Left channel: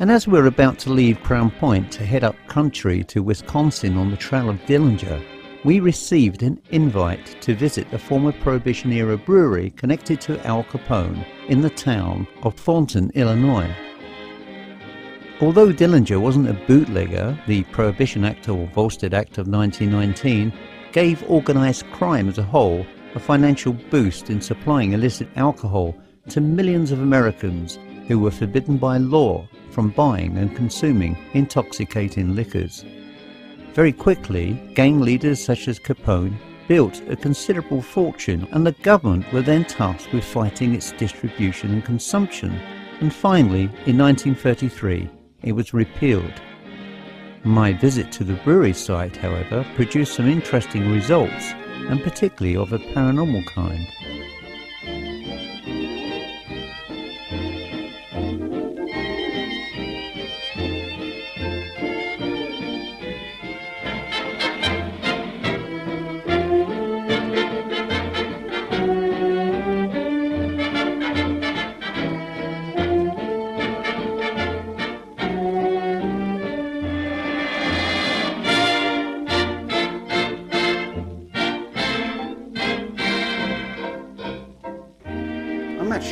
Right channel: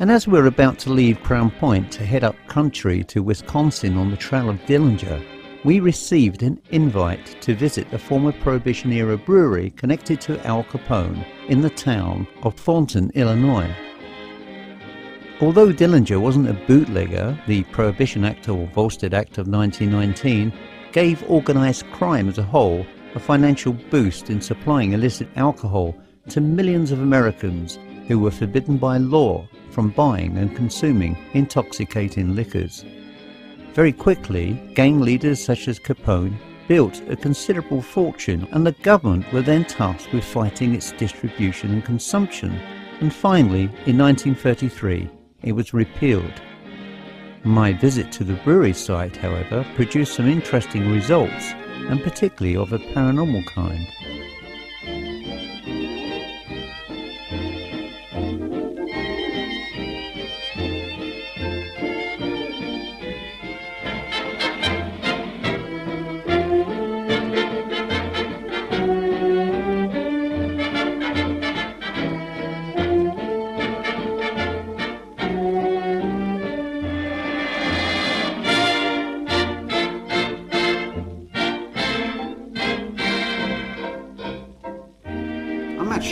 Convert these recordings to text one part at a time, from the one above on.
And as we're about to leave Crown Point to head up country to Wisconsin on the trail of Dillinger, we received an invite to visit a former Prohibition-era brewery connected to Al Capone in the town of Thornton, Illinois. Although Dillinger wasn't a bootlegger, the Prohibition Act or Volstead Act of 1919 gave organised crime as a whole a financial boost in supplying illicit alcohol to millions of Americans who were forbidden by law from buying and consuming intoxicating liquors. Very quickly, gang leaders such as Capone built a considerable fortune, and the government were then tasked with fighting its distribution and consumption, and finally, in 1933, it was repealed. My visit to the brewery site, however, produced some interesting results, and particularly of a paranormal kind.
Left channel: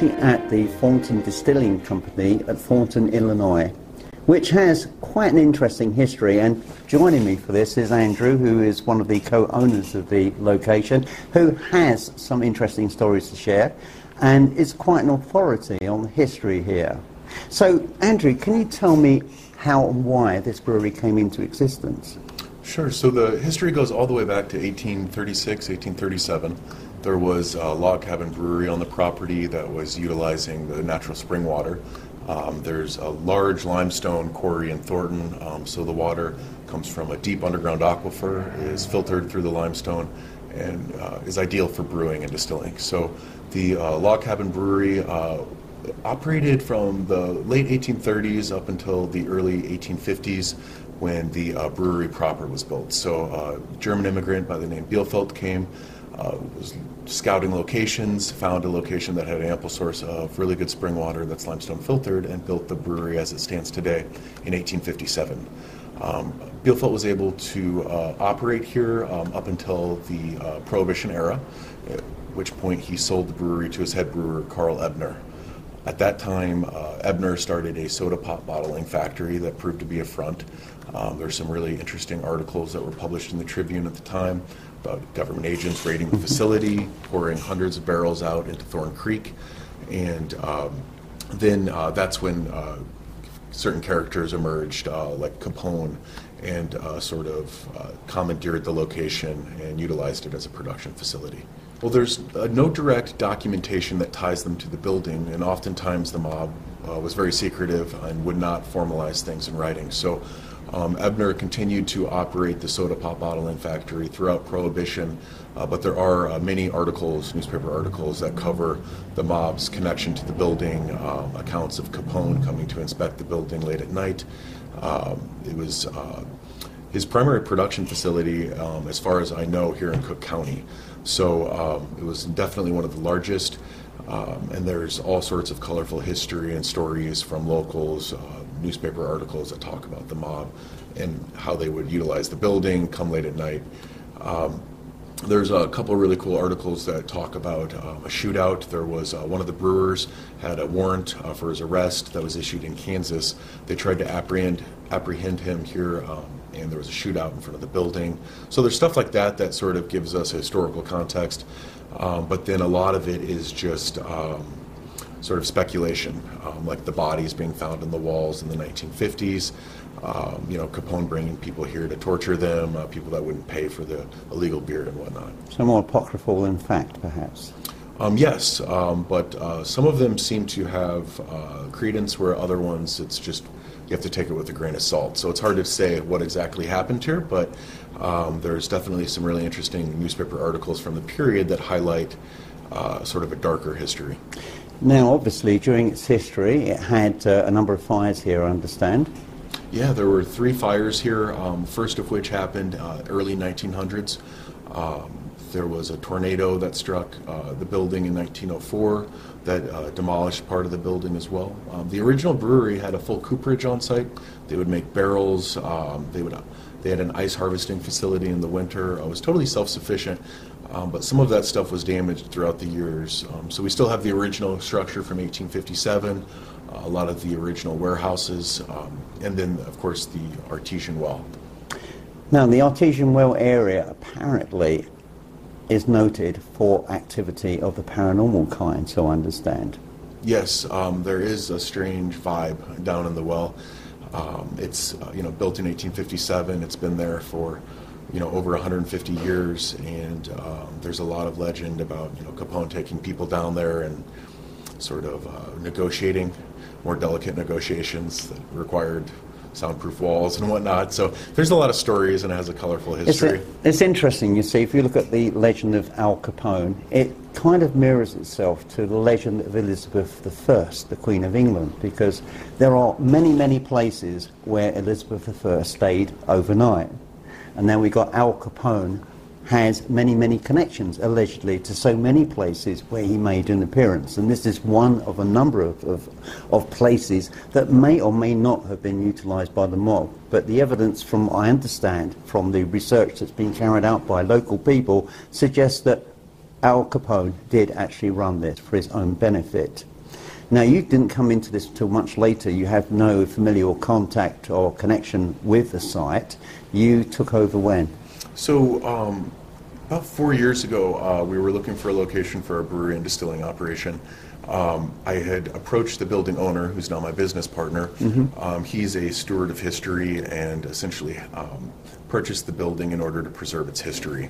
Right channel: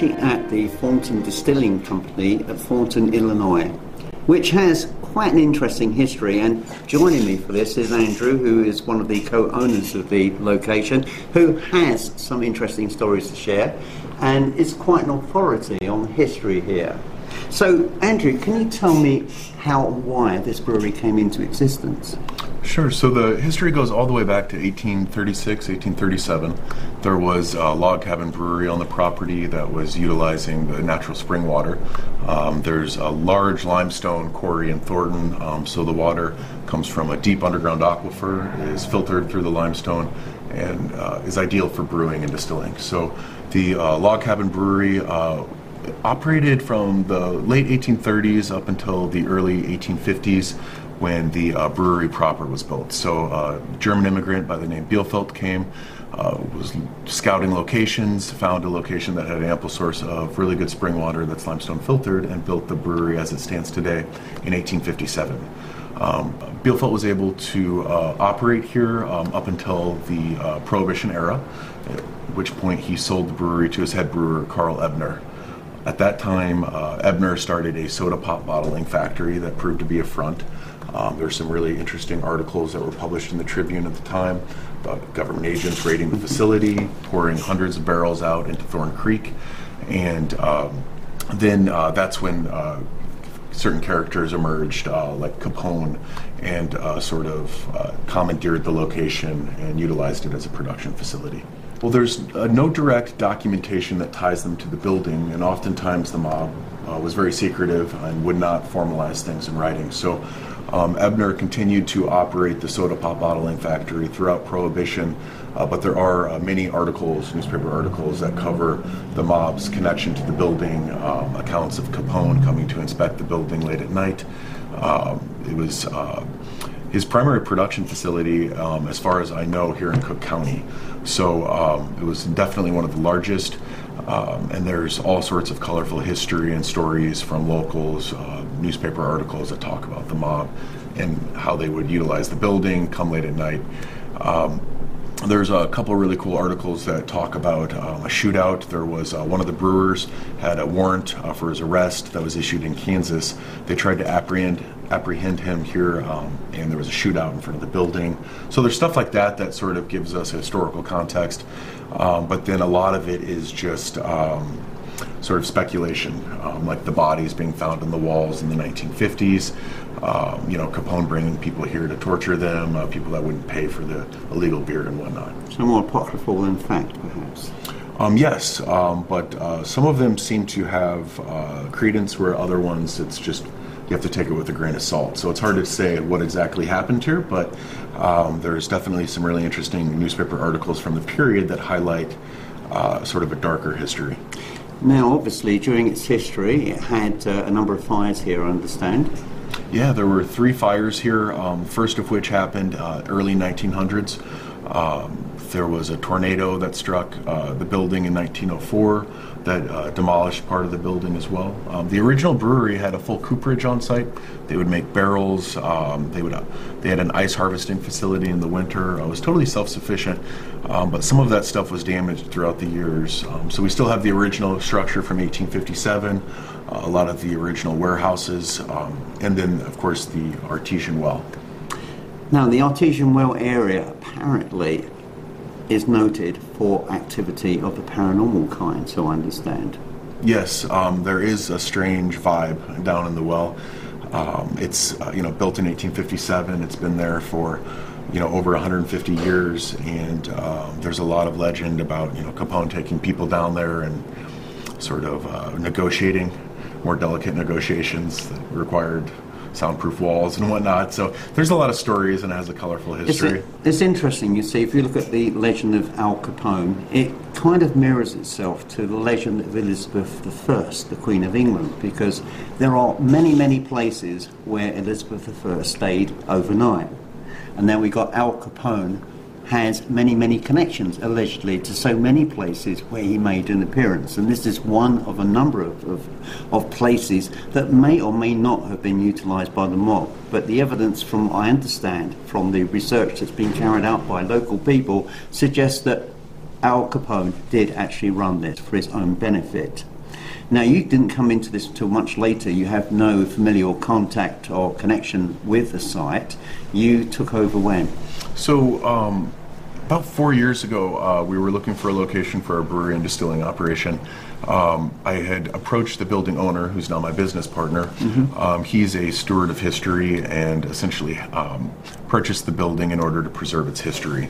At the Thornton Distilling Company at Thornton, Illinois, which has quite an interesting history, and joining me for this is Andrew, who is one of the co-owners of the location, who has some interesting stories to share and is quite an authority on history here. So Andrew, can you tell me how and why this brewery came into existence? Sure. So the history goes all the way back to 1836, 1837. There was a log cabin brewery on the property that was utilizing the natural spring water. There's a large limestone quarry in Thornton, so the water comes from a deep underground aquifer, is filtered through the limestone, and is ideal for brewing and distilling. So the log cabin brewery operated from the late 1830s up until the early 1850s, when the brewery proper was built. So a German immigrant by the name Bielefeld came, was scouting locations, found a location that had an ample source of really good spring water that's limestone filtered, and built the brewery as it stands today in 1857. Bielefeld was able to operate here up until the Prohibition era, at which point he sold the brewery to his head brewer, Carl Ebner. At that time, Ebner started a soda pop bottling factory that proved to be a front. There's some really interesting articles that were published in the Tribune at the time about government agents raiding the facility, pouring hundreds of barrels out into Thorn Creek, and then that's when certain characters emerged, like Capone, and sort of commandeered the location and utilized it as a production facility. Well, there's no direct documentation that ties them to the building, and oftentimes the mob was very secretive and would not formalize things in writing. So Ebner continued to operate the soda pop bottling factory throughout Prohibition, but there are many articles, newspaper articles, that cover the mob's connection to the building, accounts of Capone coming to inspect the building late at night. It was his primary production facility, as far as I know, here in Cook County. So it was definitely one of the largest, and there's all sorts of colorful history and stories from locals, newspaper articles that talk about the mob and how they would utilize the building, come late at night. There's a couple of really cool articles that talk about a shootout. There was one of the brewers had a warrant for his arrest that was issued in Kansas. They tried to apprehend him here, and there was a shootout in front of the building. So there's stuff like that that sort of gives us a historical context, but then a lot of it is just sort of speculation, like the bodies being found in the walls in the 1950s, Capone bringing people here to torture them, people that wouldn't pay for the illegal beer and whatnot. So more apocryphal than fact, perhaps? Yes, but some of them seem to have credence, where other ones it's just you have to take it with a grain of salt. So it's hard to say what exactly happened here, but there's definitely some really interesting newspaper articles from the period that highlight sort of a darker history. Now, obviously, during its history, it had a number of fires here, I understand. Yeah, there were 3 fires here, first of which happened early 1900s. There was a tornado that struck the building in 1904 that demolished part of the building as well. The original brewery had a full cooperage on site. They would make barrels. They had an ice harvesting facility in the winter. It was totally self-sufficient, but some of that stuff was damaged throughout the years. So we still have the original structure from 1857, a lot of the original warehouses, and then, of course, the artesian well. Now, the artesian well area apparently is noted for activity of the paranormal kind, so I understand. Yes, there is a strange vibe down in the well. It's built in 1857. It's been there for over 150 years, and there's a lot of legend about Capone taking people down there and sort of negotiating more delicate negotiations that required soundproof walls and whatnot. So there's a lot of stories, and it has a colorful history. It's interesting, you see, if you look at the legend of Al Capone, it kind of mirrors itself to the legend of Elizabeth I, the Queen of England, because there are many, many places where Elizabeth I stayed overnight. And then we got Al Capone has many, many connections, allegedly, to so many places where he made an appearance. And this is one of a number of places that may or may not have been utilised by the mob. But the evidence, from I understand, from the research that's been carried out by local people, suggests that Al Capone did actually run this for his own benefit. Now, you didn't come into this until much later. You have no familial contact or connection with the site. You took over when? So, about 4 years ago, we were looking for a location for our brewery and distilling operation. I had approached the building owner, who's now my business partner. Mm-hmm. He's a steward of history and essentially purchased the building in order to preserve its history.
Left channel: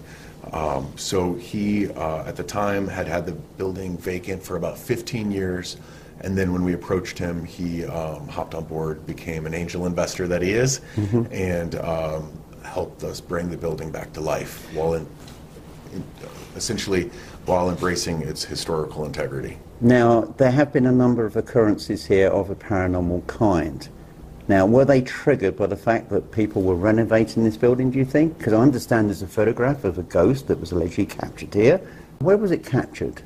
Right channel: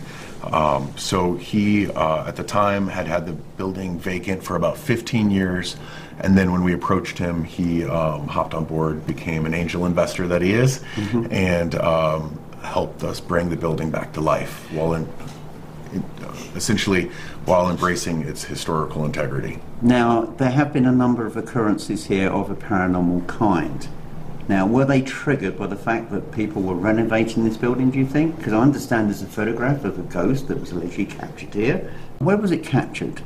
So he, at the time, had the building vacant for about 15 years. And then when we approached him, he hopped on board, became an angel investor that he is, mm-hmm. and helped us bring the building back to life while essentially embracing its historical integrity. Now, there have been a number of occurrences here of a paranormal kind. Now, were they triggered by the fact that people were renovating this building, do you think? Because I understand there's a photograph of a ghost that was allegedly captured here. Where was it captured?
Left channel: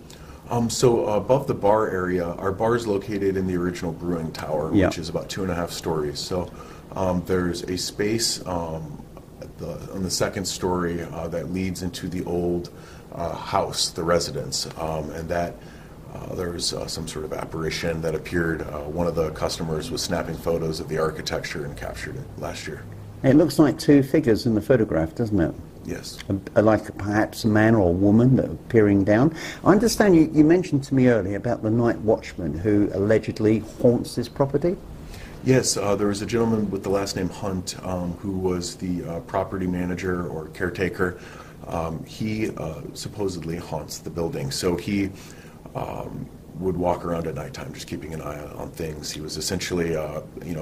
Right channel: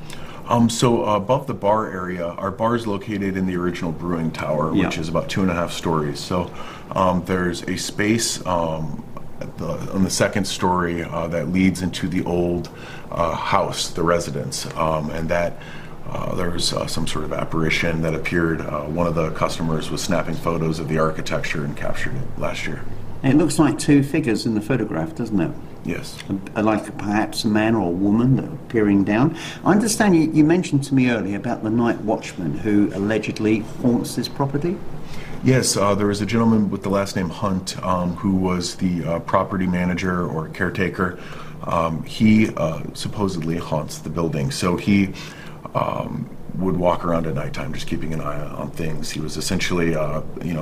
So above the bar area, our bar is located in the original brewing tower, which is about 2.5 stories. So there's a space on the second story that leads into the old house, the residence, and that there was some sort of apparition that appeared. One of the customers was snapping photos of the architecture and captured it last year. It looks like two figures in the photograph, doesn't it? Yes. Like perhaps a man or a woman that are peering down. I understand you mentioned to me earlier about the night watchman who allegedly haunts this property. Yes, there was a gentleman with the last name Hunt who was the property manager or caretaker. He supposedly haunts the building. So he would walk around at nighttime just keeping an eye on things. He was essentially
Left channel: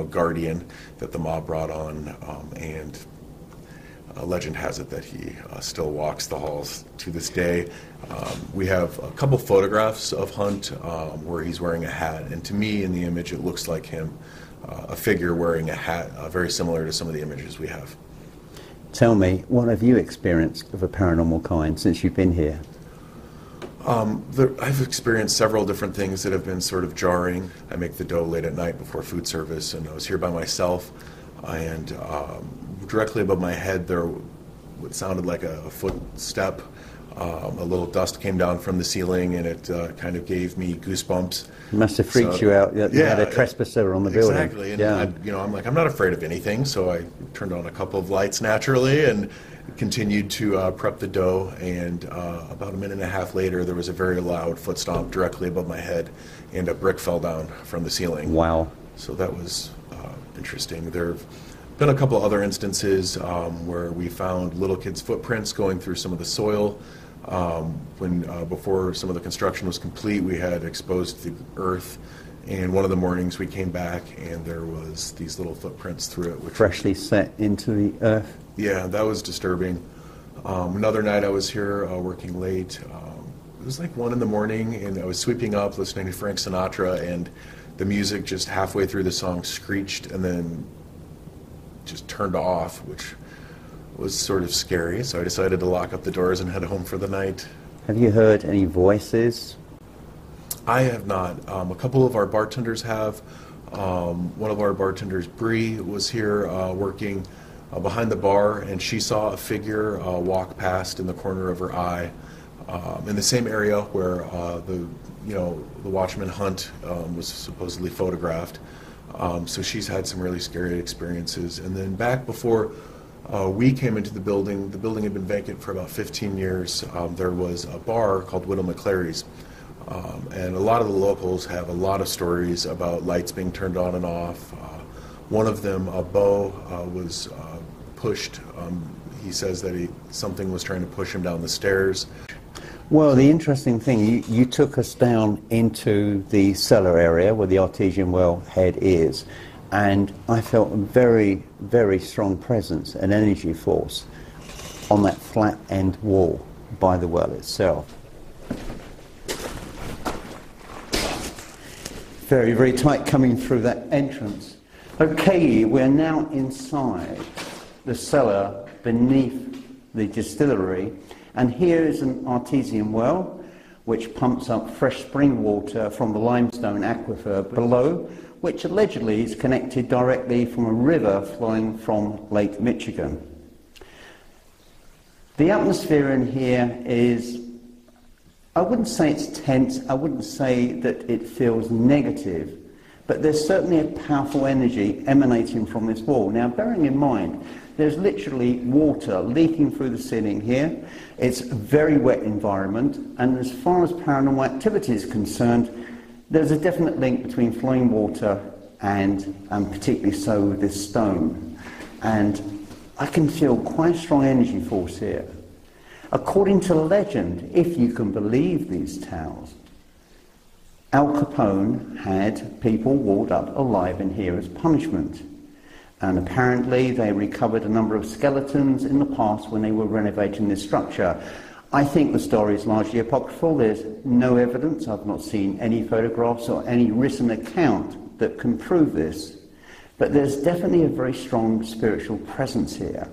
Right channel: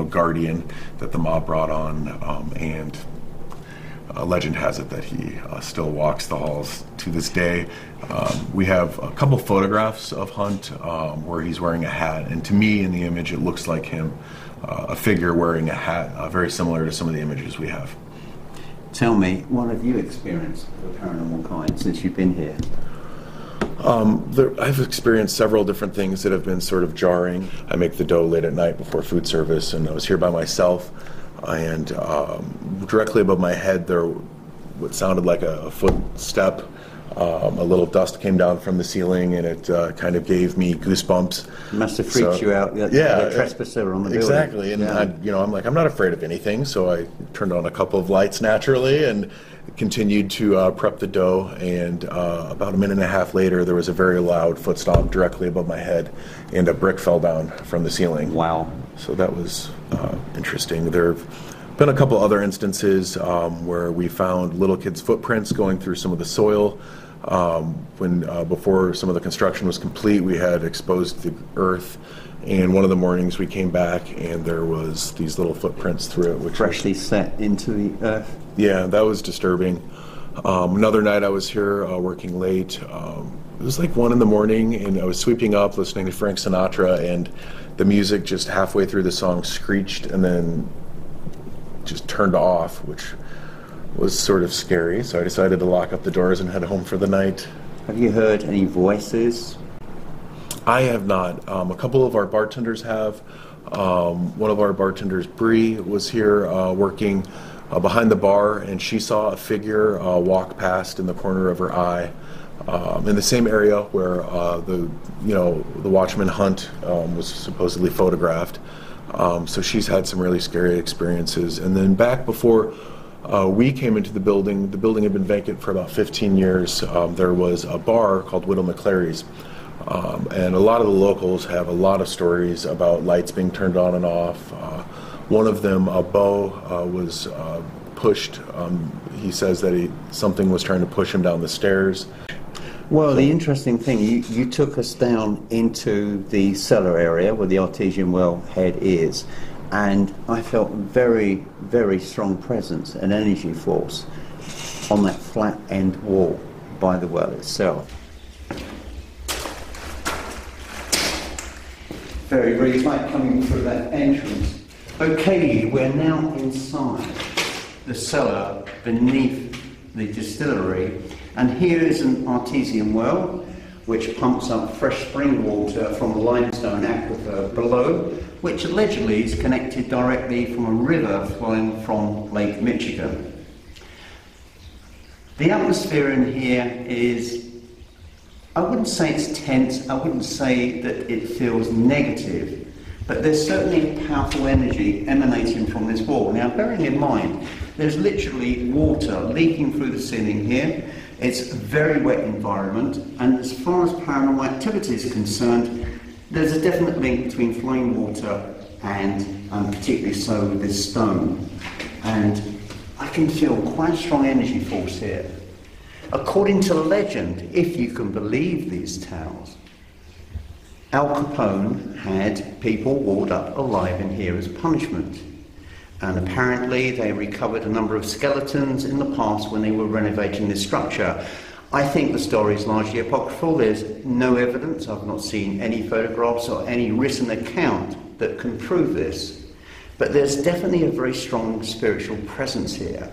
guardian that the mob brought on, and legend has it that he still walks the halls to this day. We have a couple photographs of Hunt where he's wearing a hat, and to me in the image it looks like him, a figure wearing a hat, very similar to some of the images we have. Tell me, what have you experienced of a paranormal kind since you've been here? I've experienced several different things that have been sort of jarring. I make the dough late at night before food service, and I was here by myself, and directly above my head there what sounded like a footstep. A little dust came down from the ceiling, and it kind of gave me goosebumps. It must have freaked you out. The trespasser on the building. Exactly, and I'm like, I'm not afraid of anything, so I turned on a couple of lights naturally and continued to prep the dough, and about a minute and a half later there was a very loud foot stomp directly above my head, and a brick fell down from the ceiling. Wow. So that was interesting. There have been a couple other instances where we found little kids' footprints going through some of the soil. Before some of the construction was complete, we had exposed the earth, and one of the mornings we came back and there was these little footprints through it, which freshly set into the earth. Yeah, that was disturbing. Another night I was here working late. It was like 1 a.m, and I was sweeping up listening to Frank Sinatra, and the music just halfway through the song screeched and then just turned off, which was sort of scary, so I decided to lock up the doors and head home for the night. Have you heard any voices? I have not. A couple of our bartenders have. One of our bartenders, Bree, was here working behind the bar, and she saw a figure walk past in the corner of her eye in the same area where the watchman Hunt was supposedly photographed. So she's had some really scary experiences. And then back before we came into the building had been vacant for about 15 years. There was a bar called Widow McClary's. And a lot of the locals have a lot of stories about lights being turned on and off. One of them, Bo, was pushed. He says that something was trying to push him down the stairs. Well, the interesting thing, you took us down into the cellar area where the artesian well head is, and I felt a very, very strong presence, an energy force, on that flat end wall by the well itself. Very, very tight coming through that entrance. Okay, we're now inside the cellar beneath the distillery, and here is an artesian well which pumps up fresh spring water from the limestone aquifer below, which allegedly is connected directly from a river flowing from Lake Michigan. The atmosphere in here is, I wouldn't say it's tense, I wouldn't say that it feels negative, but there's certainly a powerful energy emanating from this wall. Now, bearing in mind, there's literally water leaking through the ceiling here. It's a very wet environment, and as far as paranormal activity is concerned, there's a definite link between flowing water and particularly so this stone. And I can feel quite a strong energy force here. According to legend, if you can believe these tales, Al Capone had people walled up alive in here as punishment. And apparently they recovered a number of skeletons in the past when they were renovating this structure. I think the story is largely apocryphal. There's no evidence. I've not seen any photographs or any written account that can prove this. But there's definitely a very strong spiritual presence here.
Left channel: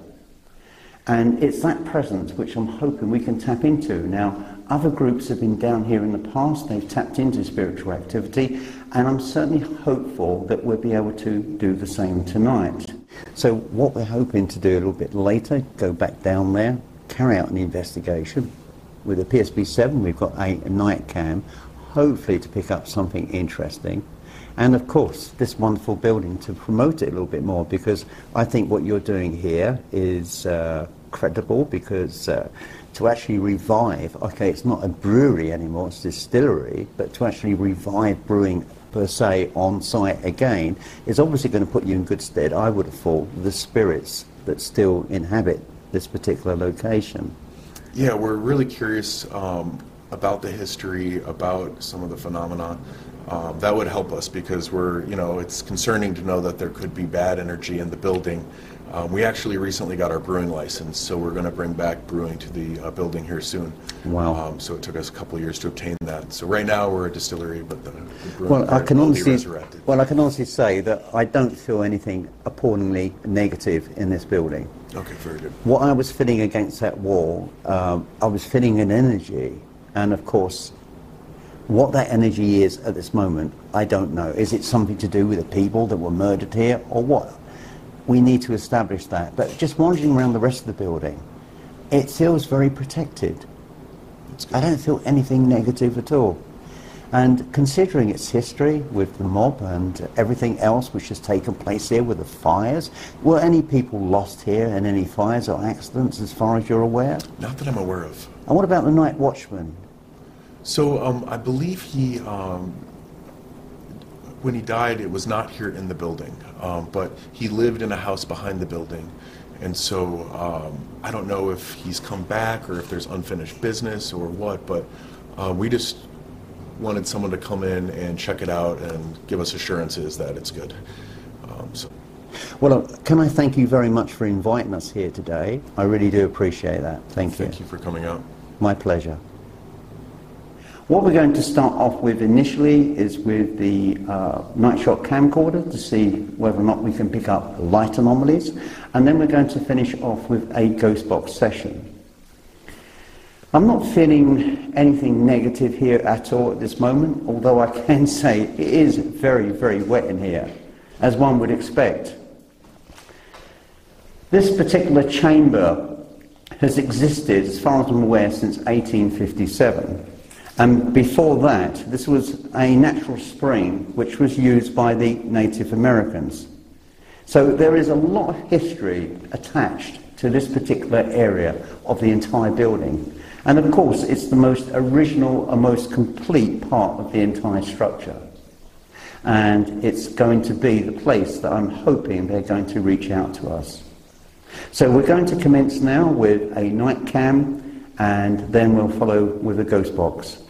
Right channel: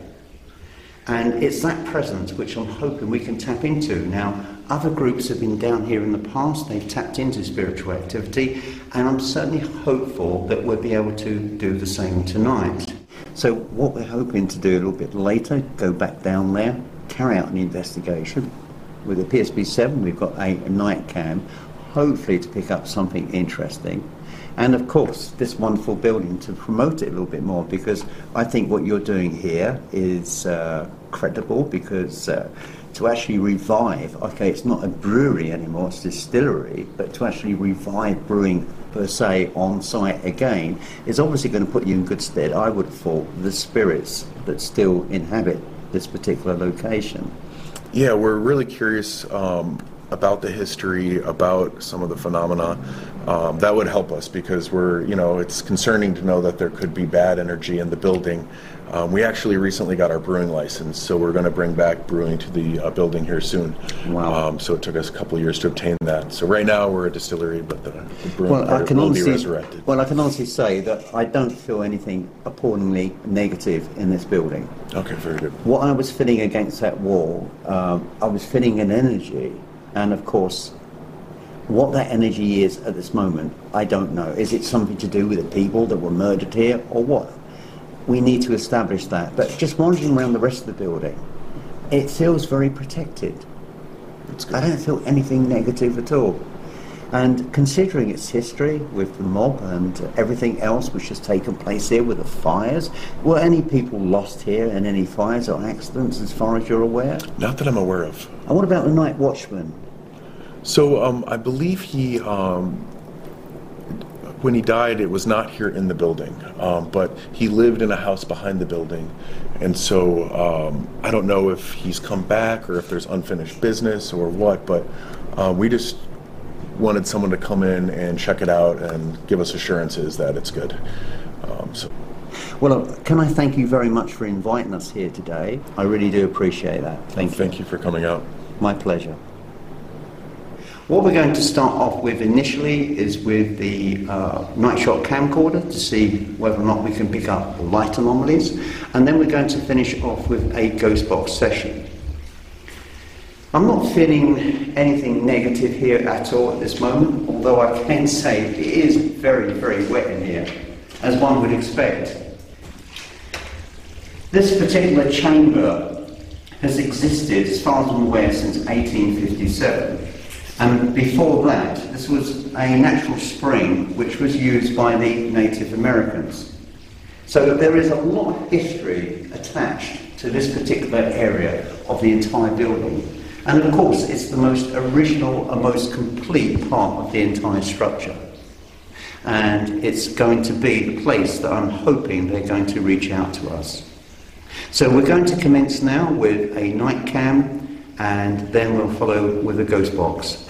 And it's that presence which I'm hoping we can tap into. Now, other groups have been down here in the past. They've tapped into spiritual activity, and I'm certainly hopeful that we'll be able to do the same tonight. So what we're hoping to do a little bit later, go back down there, carry out an investigation. With a PSB-7, we've got a night cam, hopefully to pick up something interesting. And of course, this wonderful building to promote it a little bit more, because I think what you're doing here is credible, because to actually revive, okay, it's not a brewery anymore, it's a distillery, but to actually revive brewing per se on site again is obviously going to put you in good stead, I would have thought, the spirits that still inhabit this particular location. Yeah, we're really curious about the history, about some of the phenomena. That would help us, because it's concerning to know that there could be bad energy in the building. We actually recently got our brewing license, so we're going to bring back brewing to the building here soon. Wow. So it took us a couple of years to obtain that. So right now we're a distillery, but the brewing will be resurrected. Well, I can honestly say that I don't feel anything appallingly negative in this building. Okay, very good. What I was feeling against that wall, I was feeling an energy, and of course, what that energy is at this moment, I don't know. Is it something to do with the people that were murdered here, or what? We need to establish that. But just wandering around the rest of the building, it feels very protected. That's good. I don't feel anything negative at all. And considering its history with the mob and everything else which has taken place here with the fires, were any people lost here in any fires or accidents as far as you're aware? Not that I'm aware of. And what about the night watchman? So I believe he, when he died, it was not here in the building, but he lived in a house behind the building. And so I don't know if he's come back or if there's unfinished business or what, but we just wanted someone to come in and check it out and give us assurances that it's good. Well, can I thank you very much for inviting us here today? I really do appreciate that. Thank you. Thank you for coming out. My pleasure. What we're going to start off with initially is with the night shot camcorder to see whether or not we can pick up light anomalies, and then we're going to finish off with a ghost box session. I'm not feeling anything negative here at all at this moment, although I can say it is very, very wet in here, as one would expect. This particular chamber has existed, as far as I'm aware, since 1857. And before that, this was a natural spring which was used by the Native Americans. So there is a lot of history attached to this particular area of the entire building. And of course, it's the most original and most complete part of the entire structure. And it's going to be the place that I'm hoping they're going to reach out to us. So we're going to commence now with a night cam, and then we'll follow with a ghost box.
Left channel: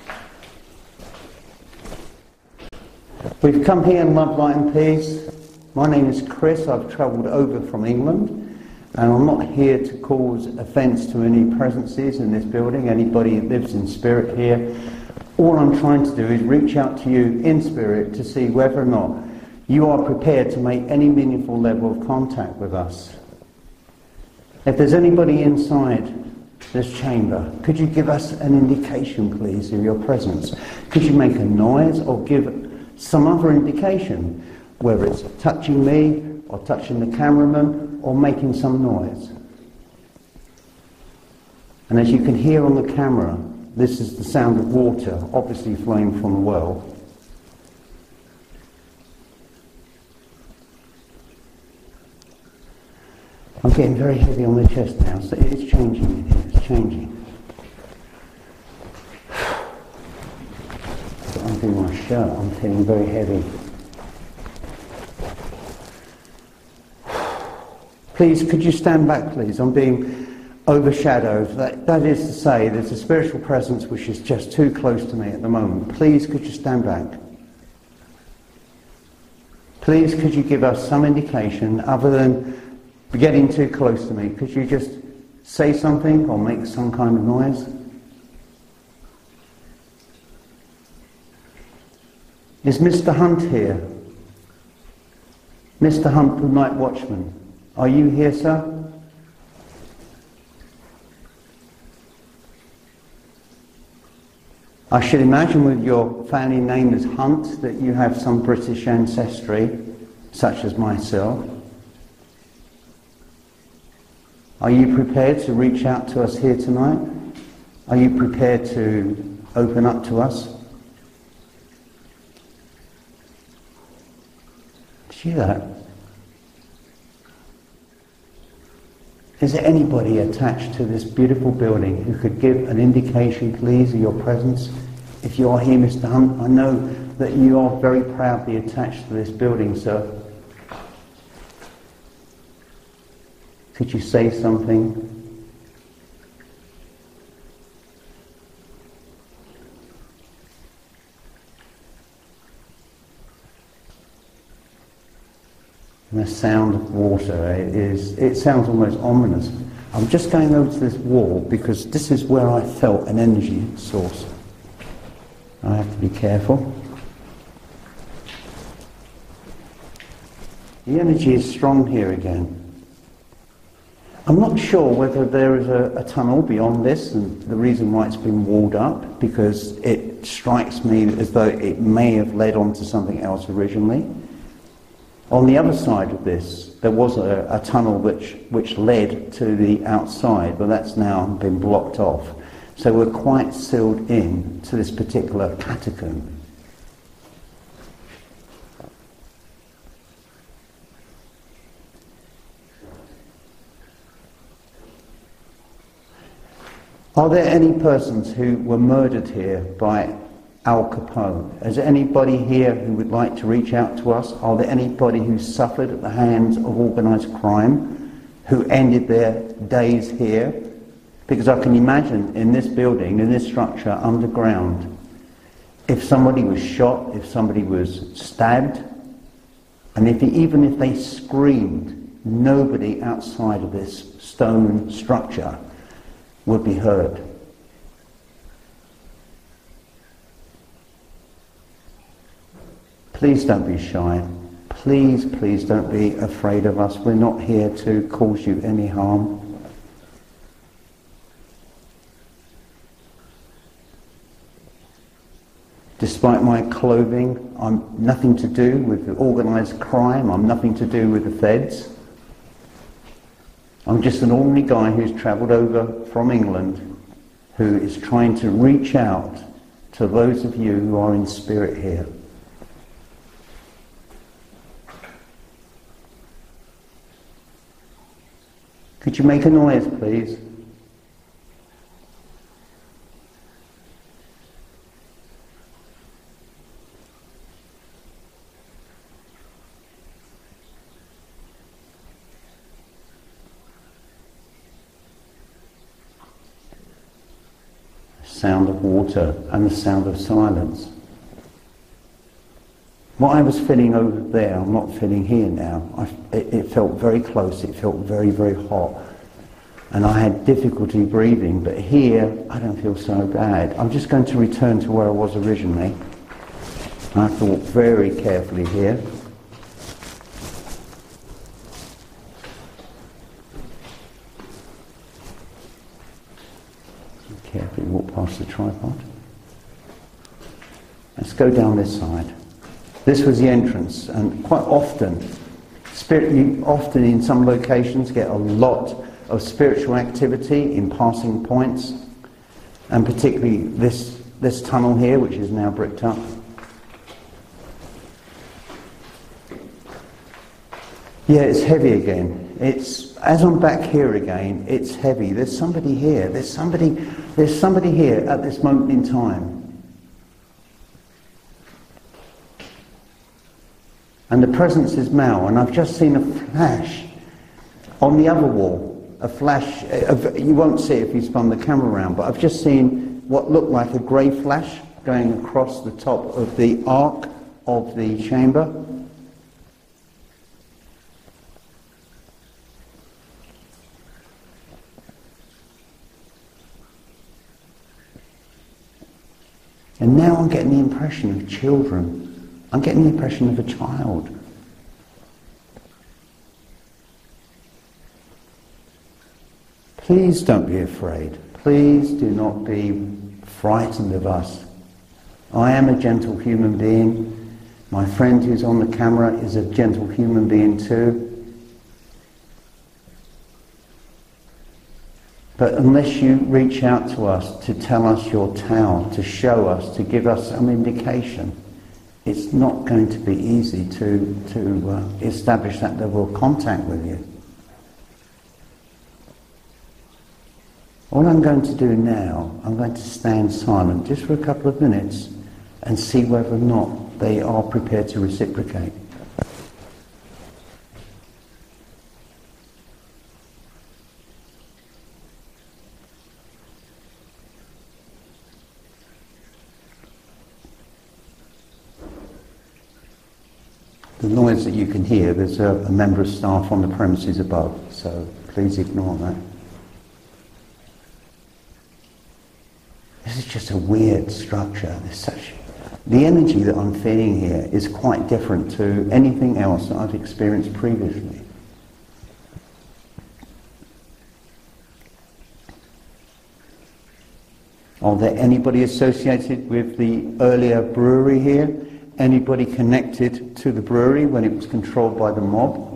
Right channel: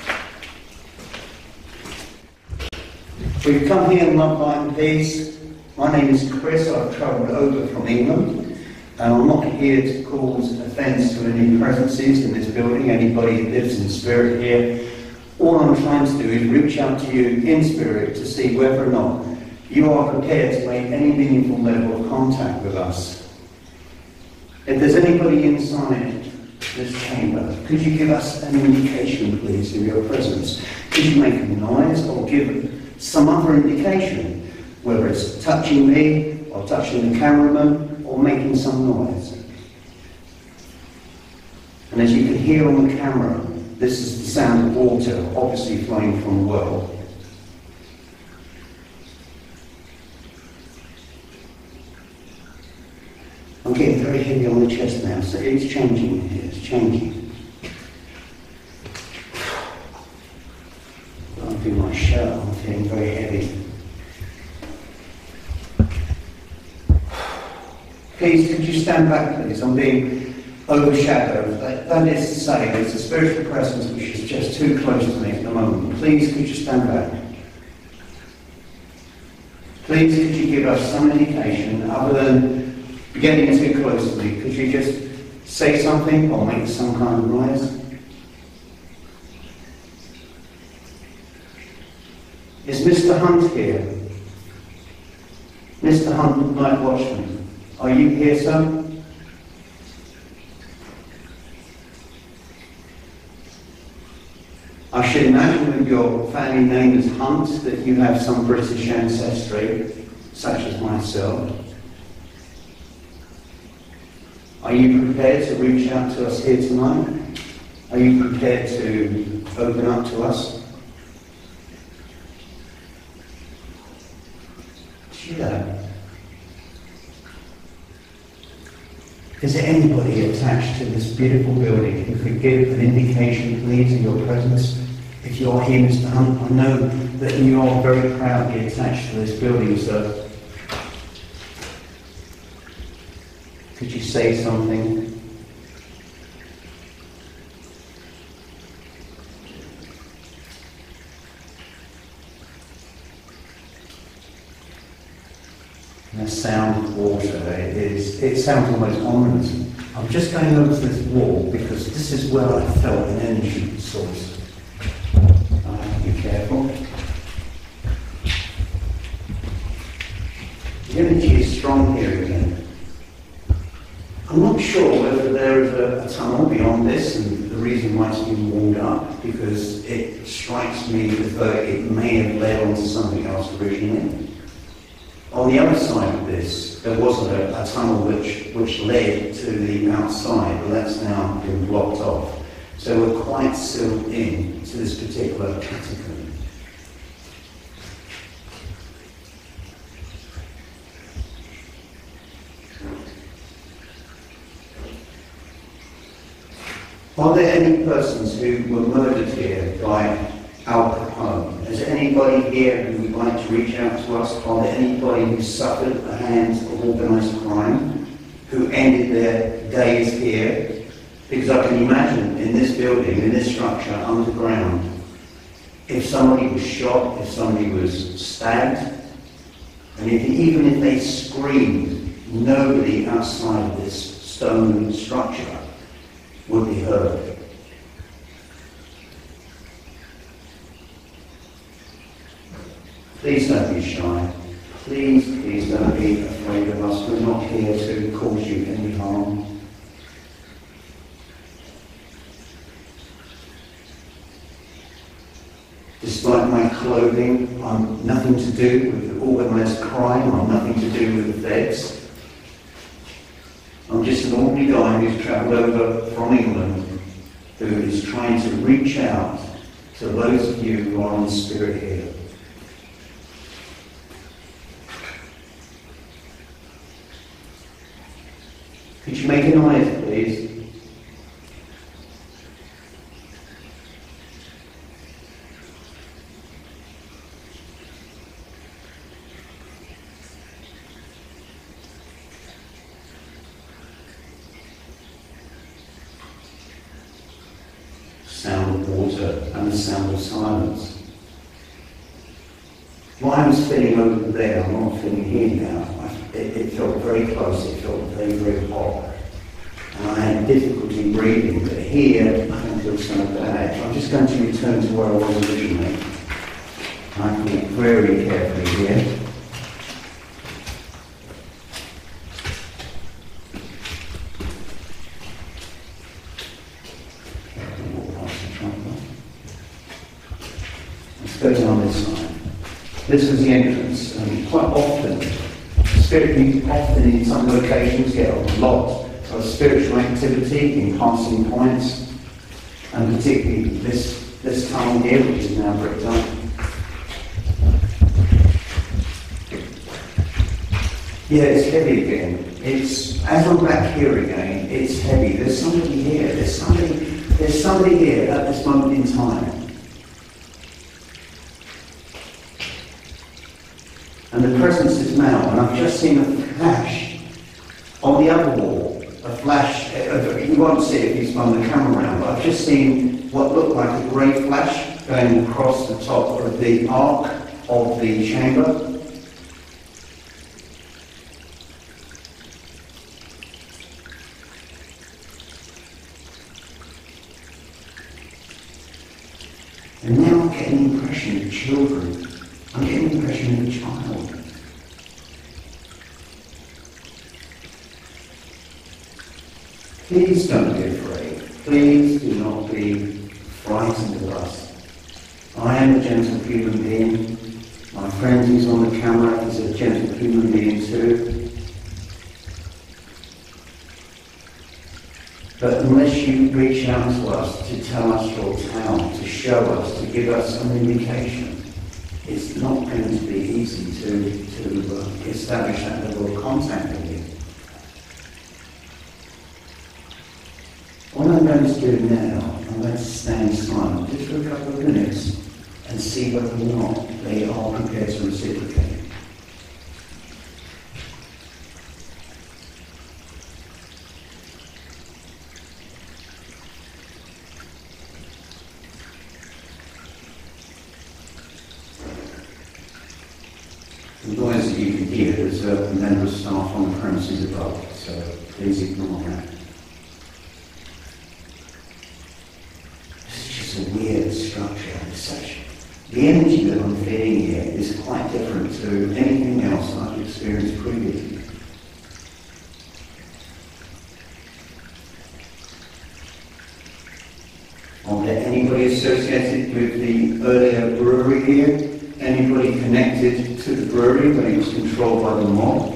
Will you come here in love, light and peace? My name is Chris. I've travelled over from England, and I'm not here to cause offence to any presences in this building, anybody who lives in spirit here. All I'm trying to do is reach out to you in spirit to see whether or not you are prepared to make any meaningful level of contact with us. If there's anybody inside this chamber, could you give us an indication, please, of your presence? Could you make a noise or give some other indication, whether it's touching me or touching the cameraman or making some noise? And as you can hear on the camera, this is the sound of water, obviously flowing from a well. I'm getting very heavy on the chest now, so it's changing, it's changing. I'm doing my shirt, I'm feeling very heavy. Please, could you stand back, please? I'm being overshadowed. That is to say, there's a spiritual presence which is just too close to me at the moment. Please, could you stand back? Please, could you give us some indication, other than getting too close to me? Could you just say something or make some kind of noise? Is Mr. Hunt here? Mr. Hunt, the night watchman. Are you here, sir? I should imagine with your family name is Hunt that you have some British ancestry, such as myself. Are you prepared to reach out to us here tonight? Are you prepared to open up to us? See that? Is there anybody attached to this beautiful building who could give an indication, please, of your presence? If you are here, Mr. Hunt, I know that you are very proudly attached to this building, sir. Could you say something? And the sound of water, it sounds almost ominous. I'm just going over to this wall because this is where I felt an energy source. I have to be careful. The energy is strong here again. I'm not sure whether there is a tunnel beyond this and the reason why it's been walled up, because it strikes me as though it may have led on to something else originally. On the other side of this, there was a tunnel which led to the outside, but that's now been blocked off. So we're quite sealed in to this particular catacomb. Are there any persons who were murdered here by Al Capone? Is there anybody here who would like to reach out to us? Are there anybody who suffered at the hands of organised crime, who ended their days here? Because I can imagine in this building, in this structure, underground, if somebody was shot, if somebody was stabbed, and even if they screamed, nobody outside of this stone structure would be heard. Please don't be shy. Please, please don't be afraid of us. We're not here to cause you any harm. Despite my clothing, I'm nothing to do with the organised crime, I'm nothing to do with the feds. I'm just an ordinary guy who's travelled over from England, who is trying to reach out to those of you who are in spirit here. Could you make a noise, please? Sound of water and the sound of silence. What I was feeling over there, I'm not feeling here now. It felt very close, it felt very, very hot. And I had difficulty breathing, but here I don't feel so bad. I'm just going to return to where I was originally. I thought very carefully here. Carefully walk past the tripod. Let's go down this side. This was the entrance, and quite often, you often in some locations get a lot of spiritual activity in passing points, and particularly this tunnel here, which is now bricked up. Yeah, it's heavy again. As I'm back here again, it's heavy. There's somebody here. There's somebody here at this moment in time. And the presence is now, and I've just seen a flash on the other wall. A flash, you won't see it if you spun the camera around, but I've just seen what looked like a grey flash going across the top of the arc of the chamber. And now I'm getting the impression of children. I'm getting the impression of a child. Please don't be afraid. Please do not be frightened of us. I am a gentle human being. My friend who's on the camera is a gentle human being too. But unless you reach out to us to tell us your town, to show us, to give us an indication, it's not going to be easy to establish that level of contact with you. What I'm going to do now, I'm going to stand silent just for a couple of minutes and see whether or not they are prepared to reciprocate. The noise that you can hear, there's a member of staff on the premises above, so please ignore that. This is just a weird structure. The energy that I'm feeling here is quite different to anything else that I've experienced previously. Are there anybody associated with the earlier brewery here? Anybody connected to the brewery when it was controlled by the mob?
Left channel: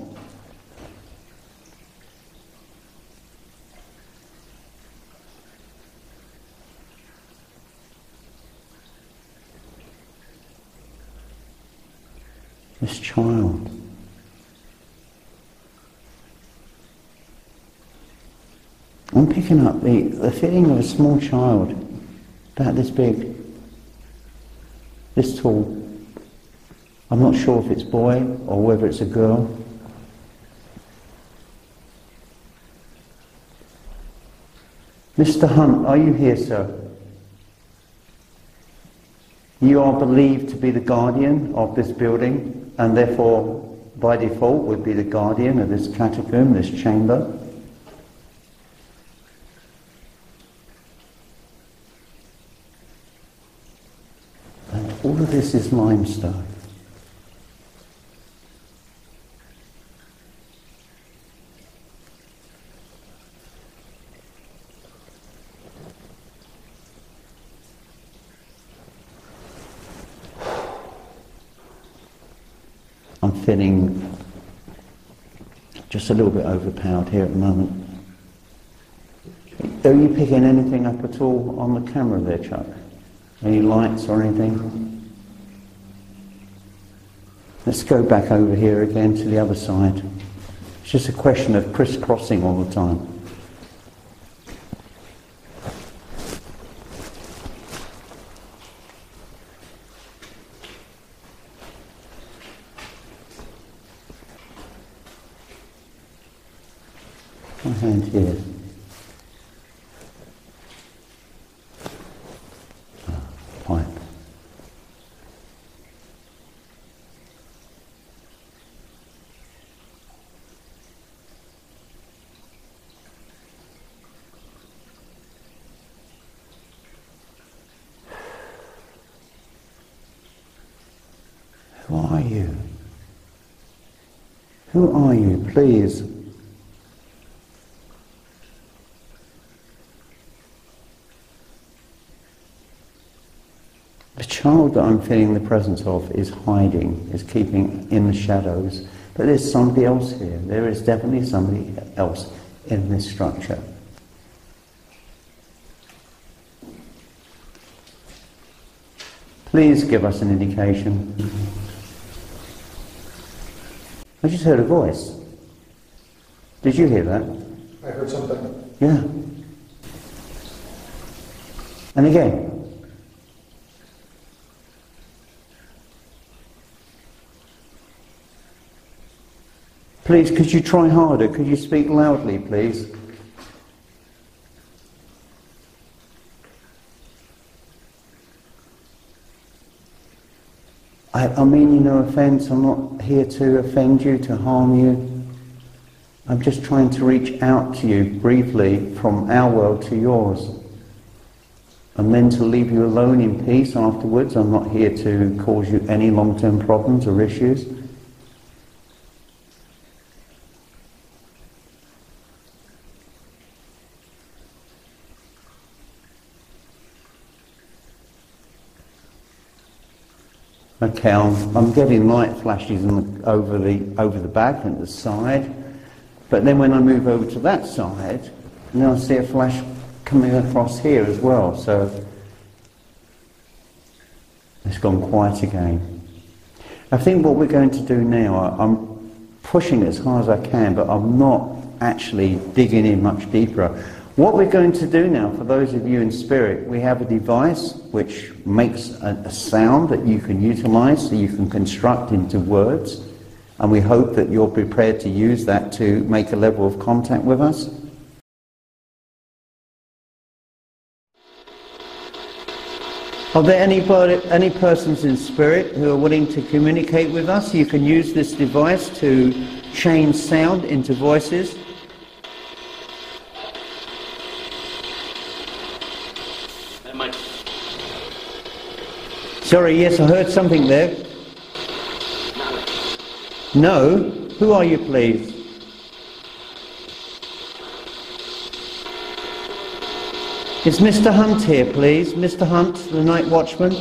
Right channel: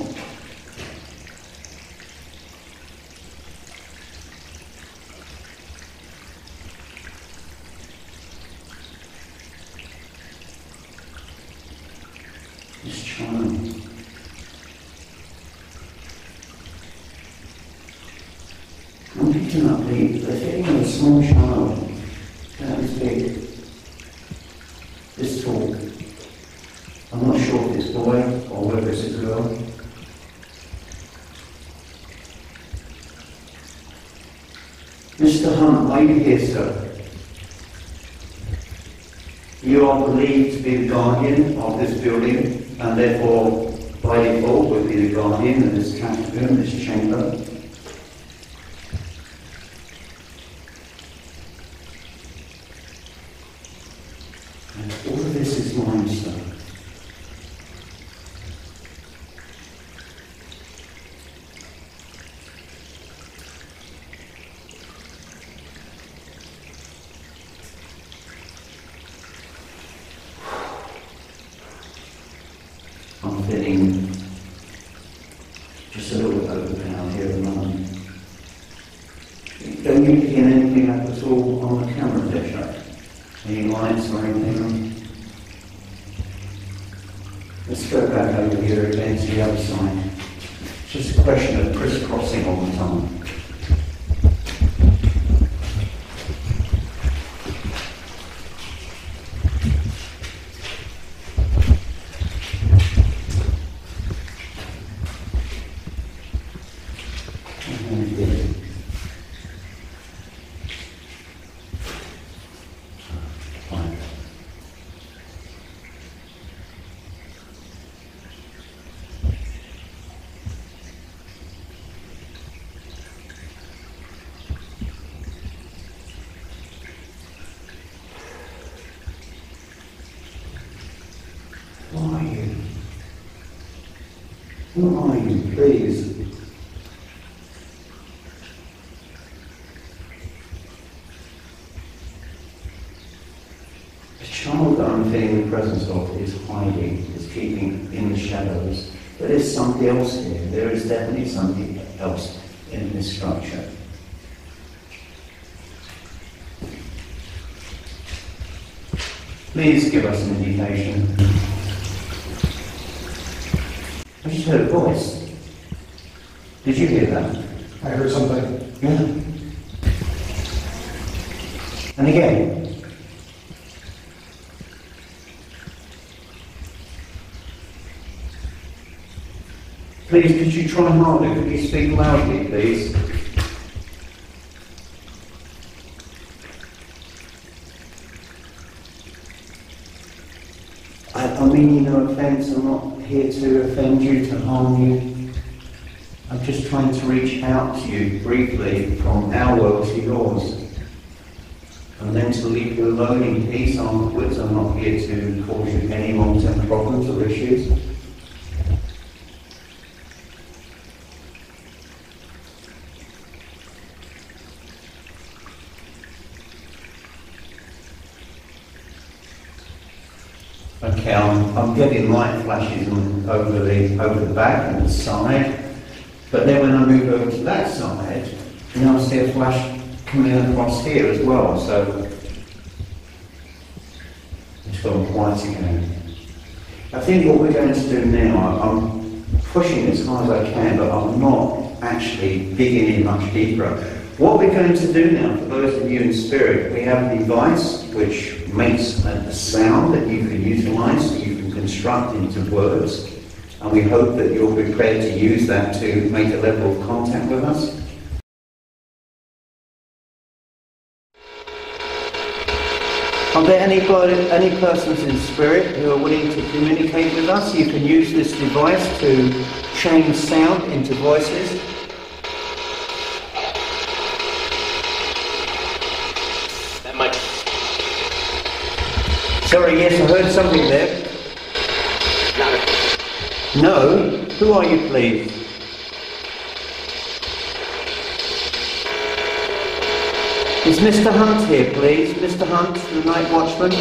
This child. I'm picking up the feeling of a small child, about this big, this tall. I'm not sure if it's a boy or whether it's a girl. Mr. Hunt, are you here, sir? You are believed to be the guardian of this building, and therefore, by default, will be the guardian of this catacomb, this chamber. All of this is limestone. I'm feeling just a little bit overpowered here at the moment. Are you picking anything up at all on the camera there, Chuck? Any lights or anything? Let's go back over here again to the other side. It's just a question of crisscrossing all the time. Thank you. Fine. Who are you? Who are you, please? The child that I'm feeling the presence of is hiding, is keeping in the shadows. But there's somebody else here. There is definitely somebody else in this structure. Please give us an indication. I just heard a voice. Did you hear that? I heard something. Yeah. And again. Please, could you try harder? Could you speak loudly, please? I mean no offence, I'm not here to offend you, to harm you. I'm just trying to reach out to you briefly from our world to yours. And then to leave you alone in peace afterwards. I'm not here to cause you any long-term problems or issues. Okay, I'm getting light flashes over the back and the side, but then when I move over to that side, now I see a flash coming across here as well, so it's gone quiet again. I think what we're going to do now, I'm pushing it as hard as I can, but I'm not actually digging in much deeper. What we're going to do now, for those of you in spirit, we have a device which makes a sound that you can utilise, so you can construct into words, and we hope that you're prepared to use that to make a level of contact with us. Are there any persons in spirit who are willing to communicate with us? You can use this device to change sound into voices. Sorry, yes, I heard something there. No? Who are you, please? Is Mr. Hunt here, please? Mr. Hunt, the night watchman?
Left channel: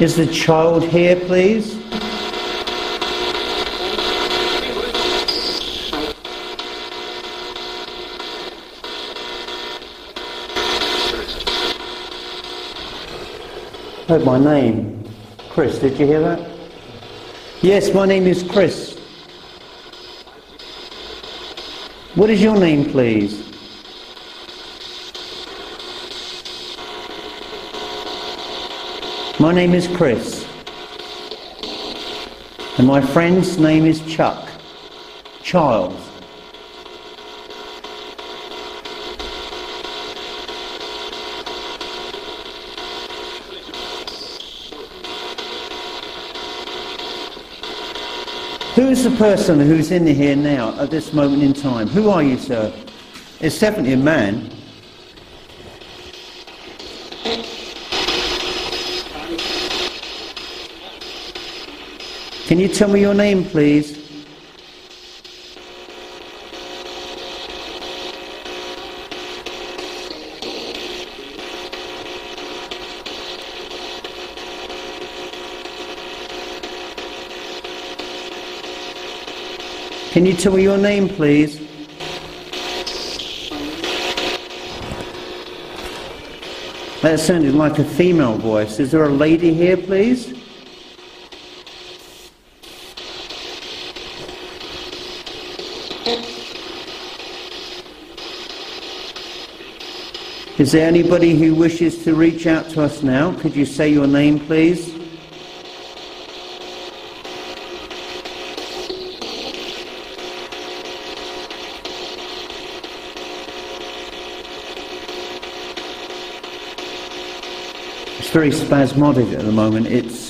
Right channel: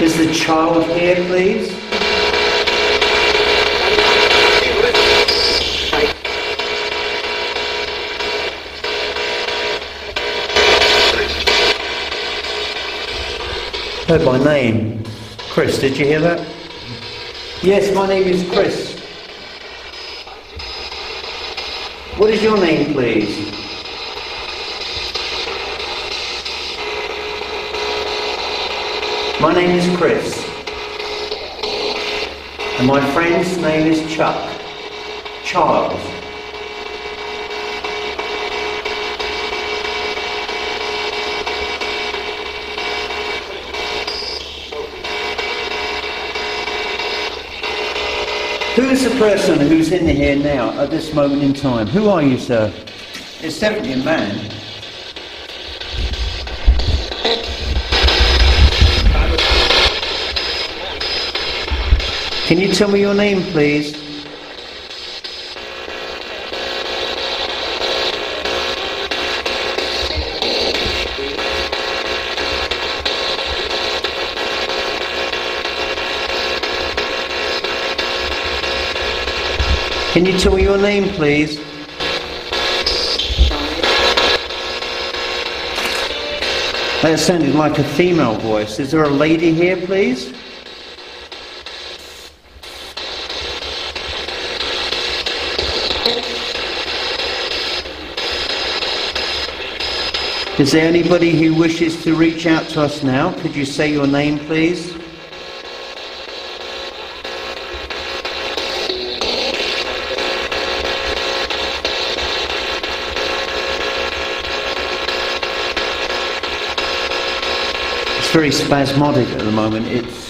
Is the child here, please? Heard my name. Chris, did you hear that? Yes, my name is Chris. What is your name, please? My name is Chris. And my friend's name is Chuck. Charles. Who is the person who's in here now at this moment in time? Who are you, sir? It's definitely a man. Can you tell me your name, please? Can you tell me your name, please? That sounded like a female voice. Is there a lady here, please? Is there anybody who wishes to reach out to us now? Could you say your name, please? It's very spasmodic at the moment. It's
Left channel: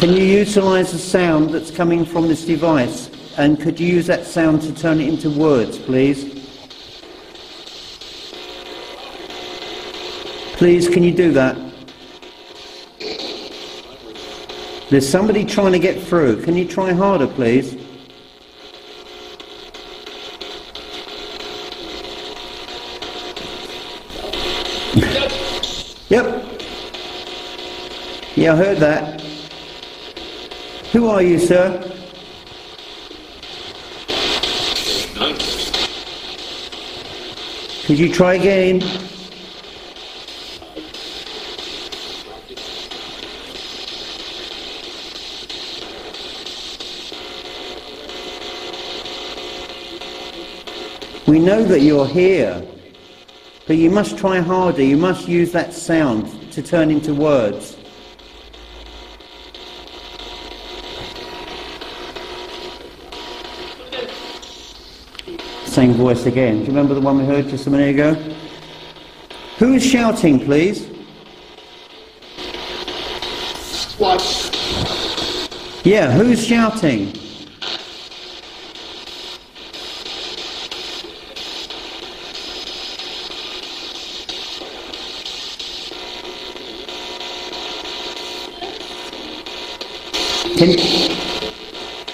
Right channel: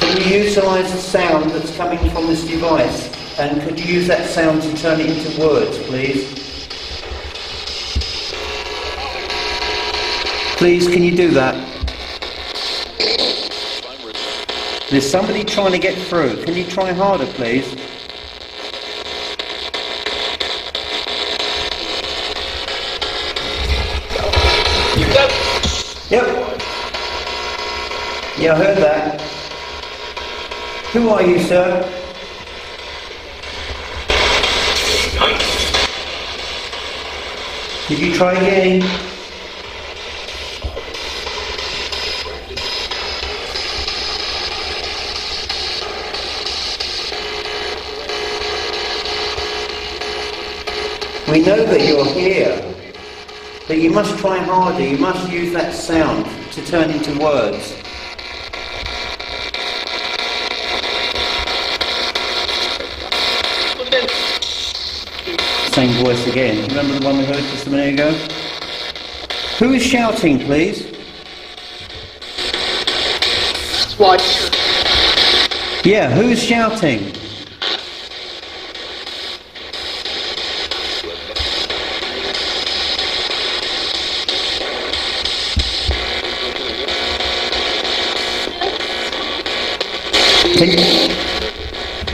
Can you utilise the sound that's coming from this device? And could you use that sound to turn it into words, please? Please, can you do that? There's somebody trying to get through. Can you try harder, please? Yep. Yeah, I heard that. Who are you, sir? Could you try again? We know that you're here, but you must try harder. You must use that sound to turn into words. Same voice again. Do you remember the one we heard just a minute ago? Who is shouting, please? What? Yeah, who's shouting?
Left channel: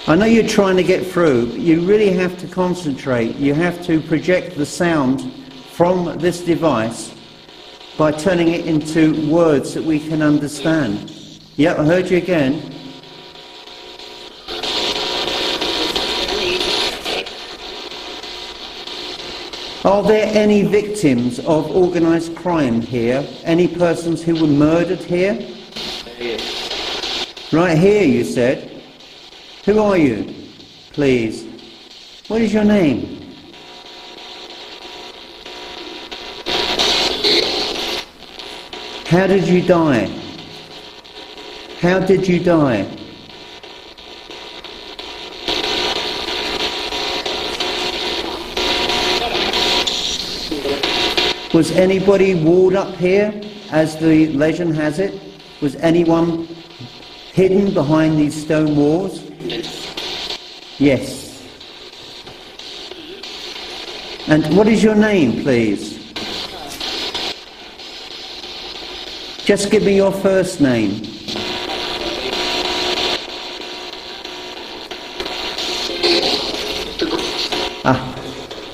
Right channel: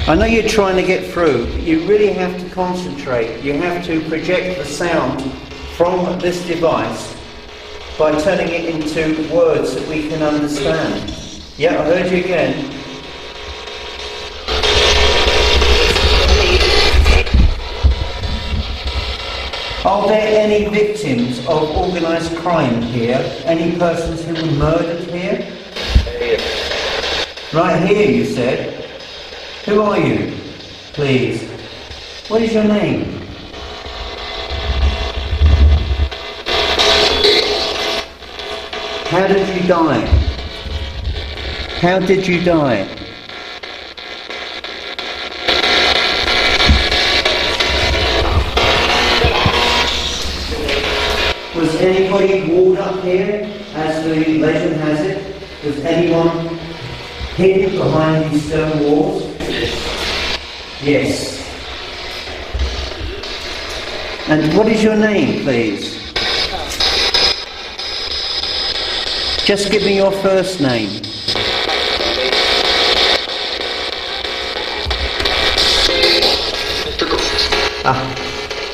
I know you're trying to get through, but you really have to concentrate. You have to project the sound from this device by turning it into words that we can understand. Yeah, I heard you again. Are there any victims of organised crime here? Any persons who were murdered here? Right here, you said. Who are you, please? What is your name? How did you die? How did you die? Was anybody walled up here, as the legend has it? Was anyone hidden behind these stone walls? Yes. And what is your name, please? Just give me your first name.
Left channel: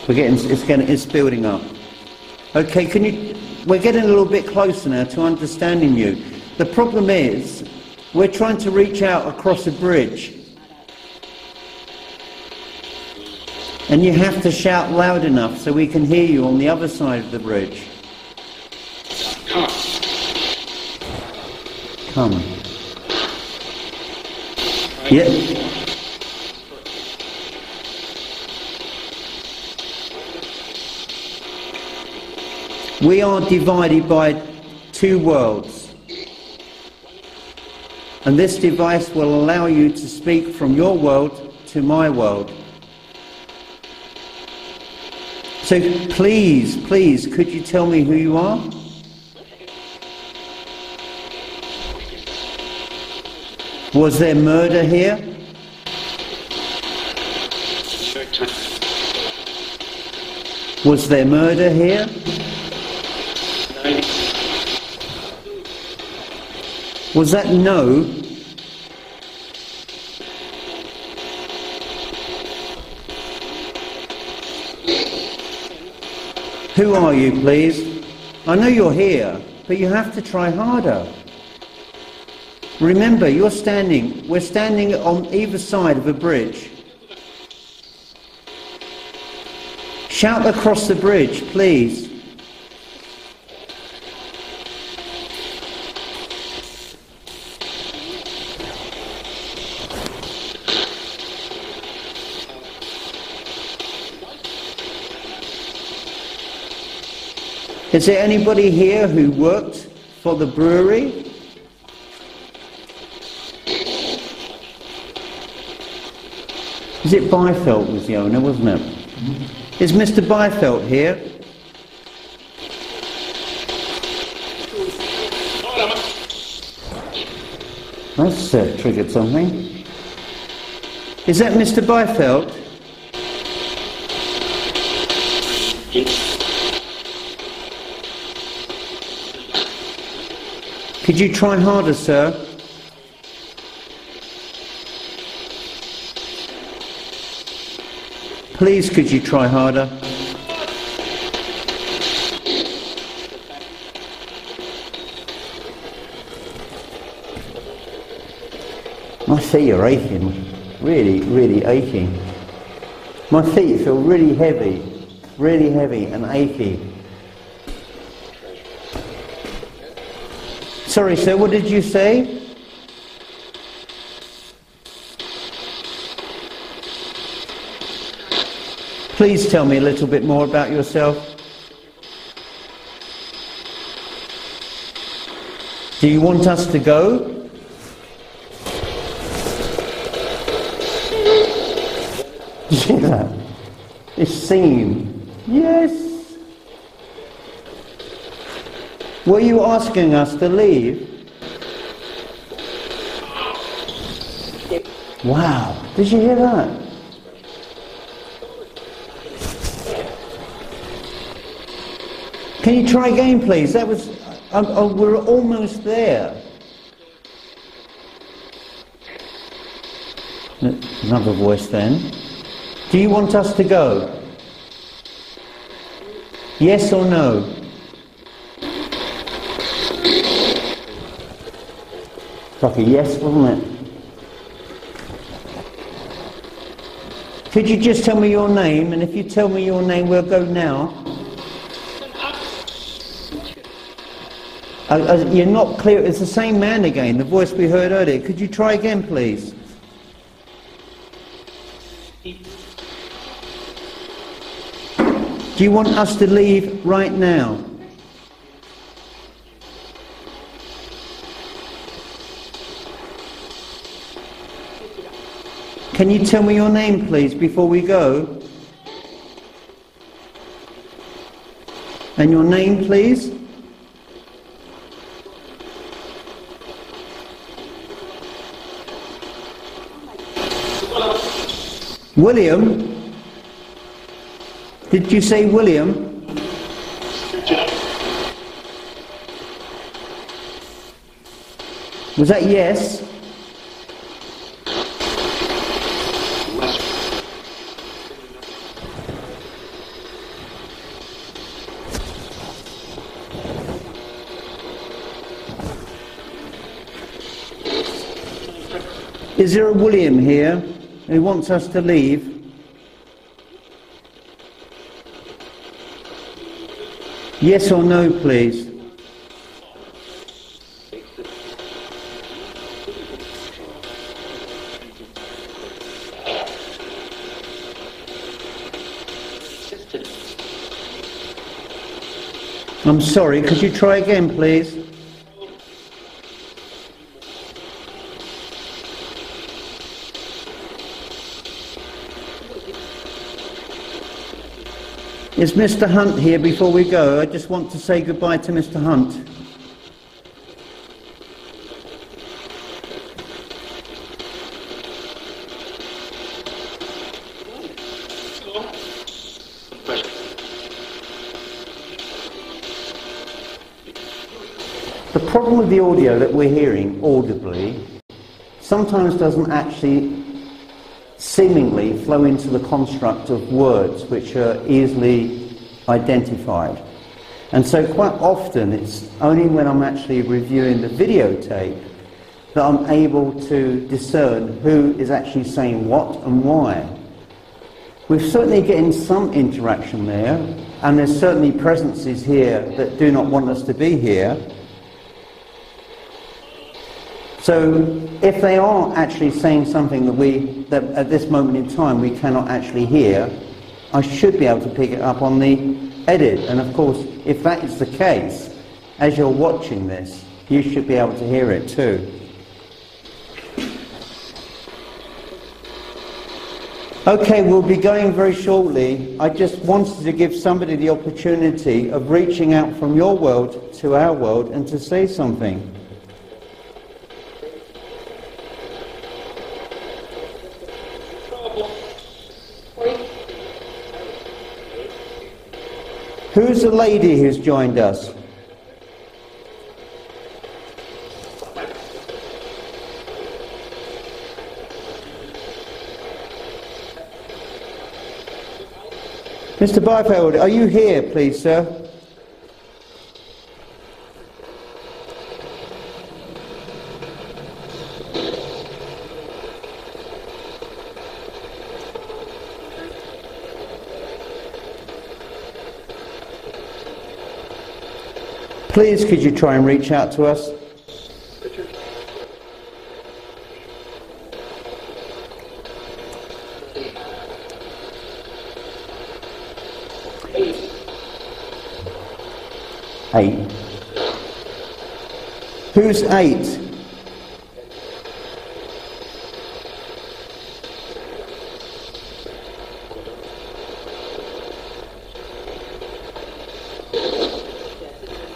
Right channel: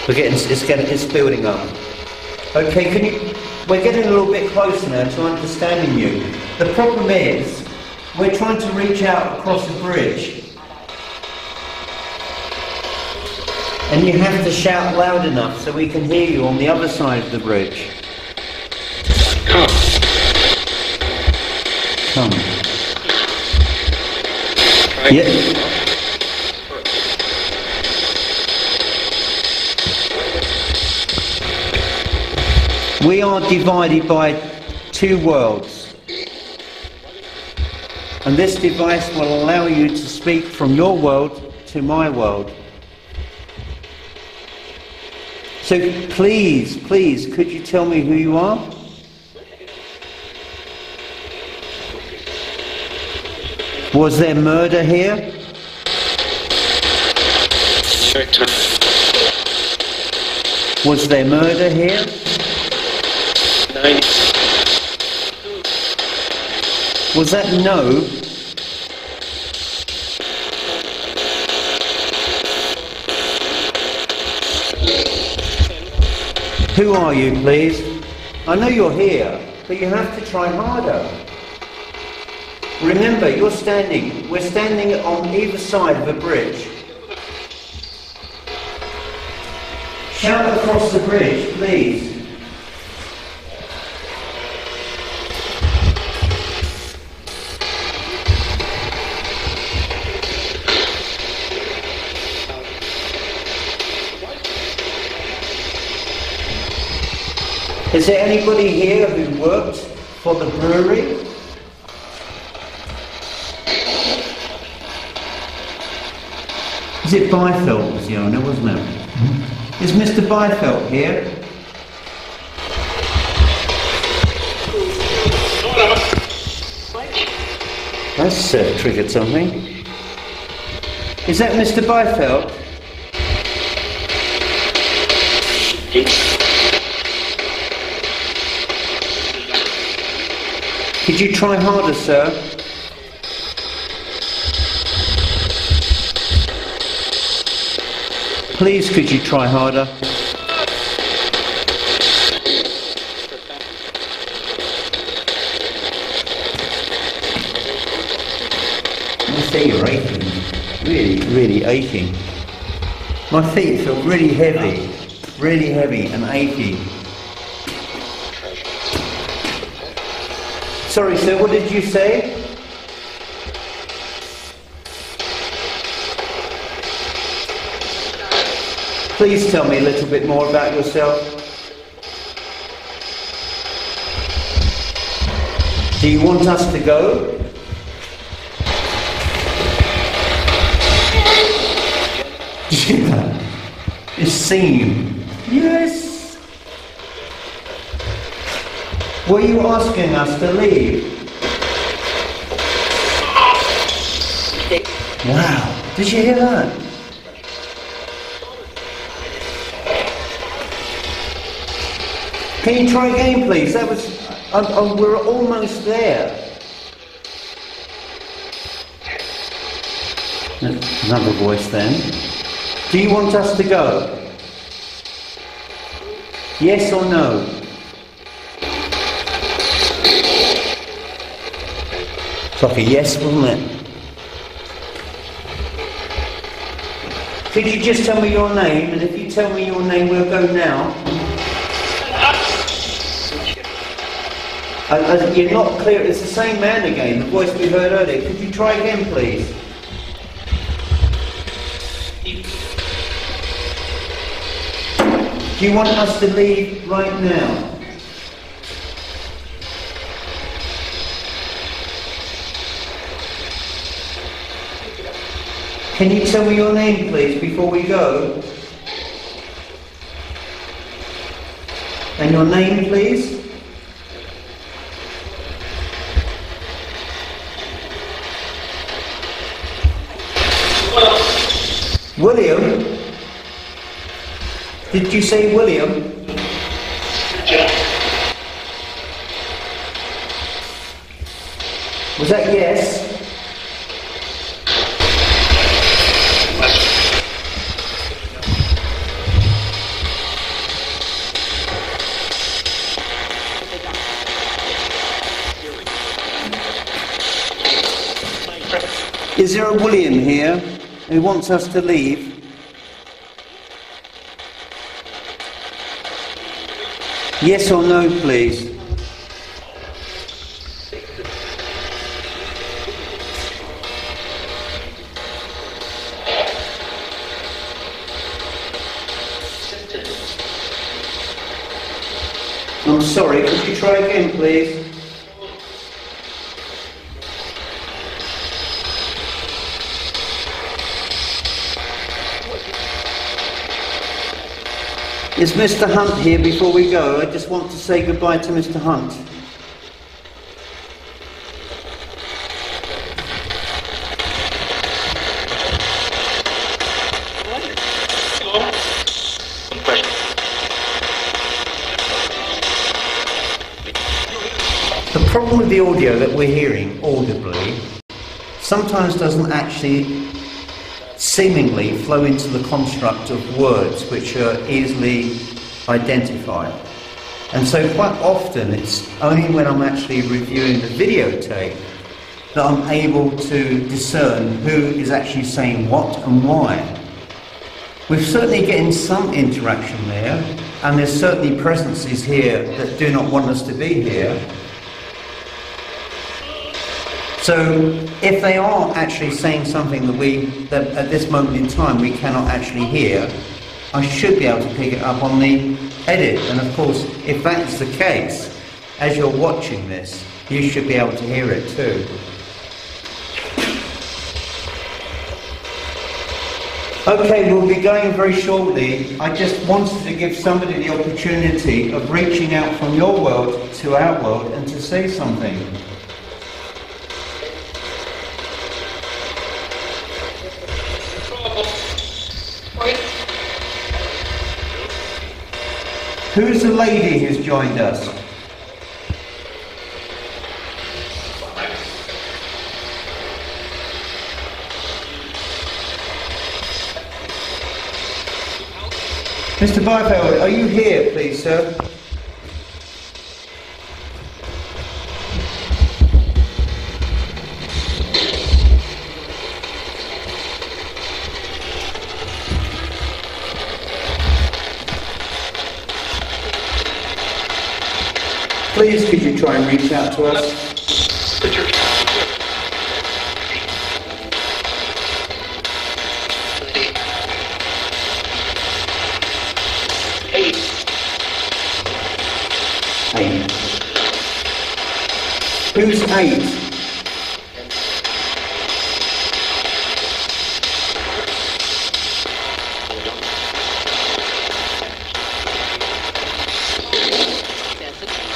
It's building up. Okay, we're getting a little bit closer now to understanding you. The problem is, we're trying to reach out across a bridge. And you have to shout loud enough so we can hear you on the other side of the bridge. Come. Come. Yeah. We are divided by two worlds. And this device will allow you to speak from your world to my world. So please, could you tell me who you are? Was there murder here? Was there murder here? Was that no? Who are you, please? I know you're here, but you have to try harder. Remember, we're standing on either side of a bridge. Shout across the bridge, please. Is there anybody here who worked for the brewery? Is it Byfeld was the owner, wasn't it? Mm-hmm. Is Mr. Byfeld here? That's triggered something. Is that Mr. Byfeld? Could you try harder, sir? Please, could you try harder? My feet are aching. Really aching. My feet feel really heavy and achy. Sorry, sir, what did you say? Please tell me a little bit more about yourself. Do you want us to go? Yeah, it's seen. Yes. Were you asking us to leave? Wow, did you hear that? Can you try again, please? That was... we're almost there. Another voice then. Do you want us to go? Yes or no? It's like a yes, wasn't it? Could you just tell me your name? And if you tell me your name, we'll go now. You're not clear. It's the same man again, the voice we heard earlier. Could you try again, please? Do you want us to leave right now? Can you tell me your name, please, before we go? And your name, please? William? Did you say William? Was that yes? Is there a William here who wants us to leave? Yes or no, please? I'm sorry, could you try again, please? Is Mr. Hunt here before we go? I just want to say goodbye to Mr. Hunt. The problem with the audio that we're hearing audibly sometimes doesn't actually seemingly flow into the construct of words which are easily identified. And so quite often it's only when I'm actually reviewing the videotape that I'm able to discern who is actually saying what and why. We're certainly getting some interaction there, and there's certainly presences here that do not want us to be here. So if they are actually saying something that at this moment in time we cannot actually hear, I should be able to pick it up on the edit. And of course, if that is the case, as you're watching this, you should be able to hear it too. Okay, we'll be going very shortly. I just wanted to give somebody the opportunity of reaching out from your world to our world and to say something. Who's the lady who's joined us? Mr. Barfield, are you here, please, sir? Please, could you try and reach out to us? Eight. Who's 8?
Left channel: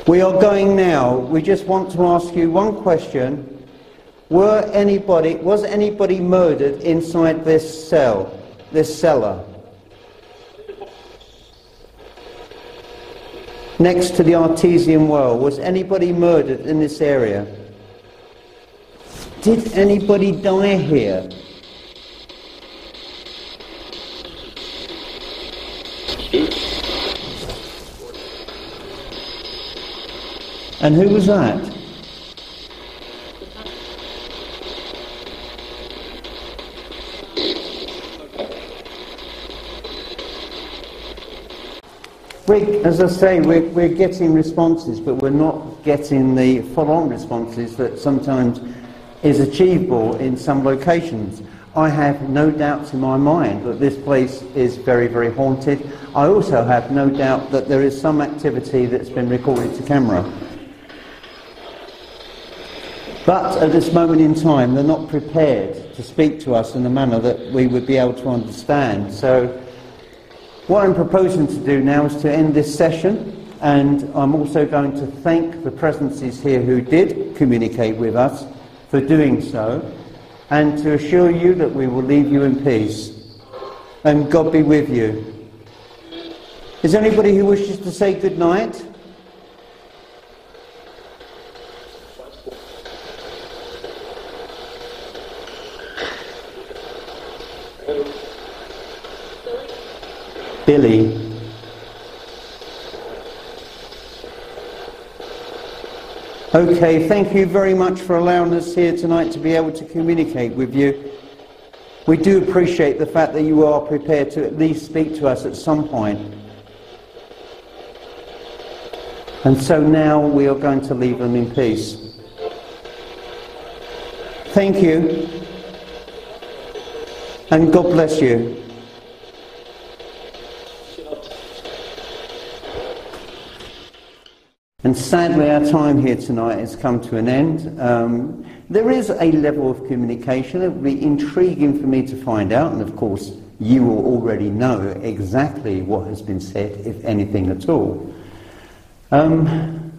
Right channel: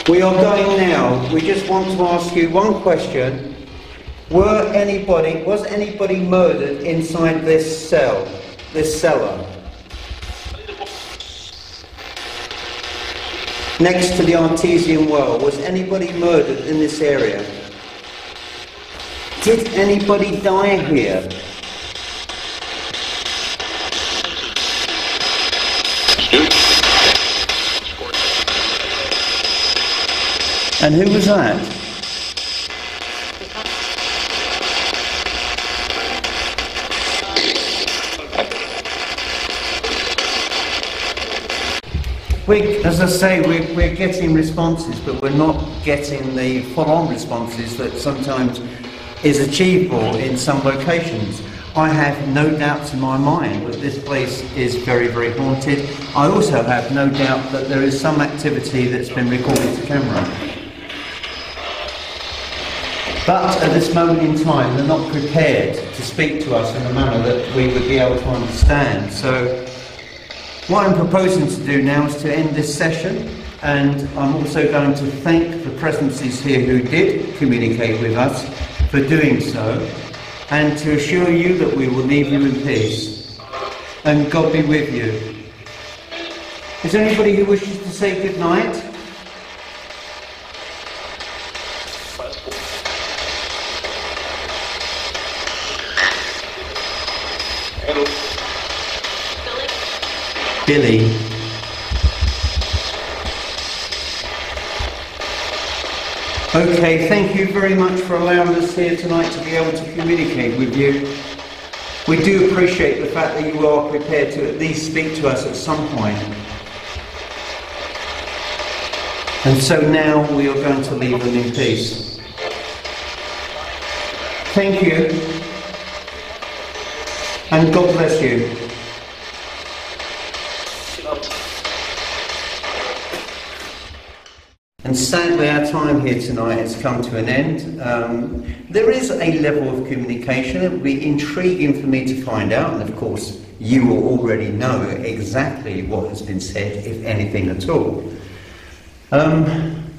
We are going now. We just want to ask you one question. Was anybody murdered inside this cellar? Next to the artesian well, was anybody murdered in this area? Did anybody die here? And who was that? As I say, we're getting responses, but we're not getting the full-on responses that sometimes is achievable in some locations. I have no doubts in my mind that this place is very, very haunted. I also have no doubt that there is some activity that's been recorded to camera. But at this moment in time, they're not prepared to speak to us in a manner that we would be able to understand. So what I'm proposing to do now is to end this session, and I'm also going to thank the presences here who did communicate with us for doing so, and to assure you that we will leave you in peace. And God be with you. Is there anybody who wishes to say good night? Billy. Okay, thank you very much for allowing us here tonight to be able to communicate with you. We do appreciate the fact that you are prepared to at least speak to us at some point. And so now we are going to leave them in peace. Thank you. And God bless you. And sadly our time here tonight has come to an end. There is a level of communication. It would be intriguing for me to find out, and of course you will already know exactly what has been said, if anything at all. I'm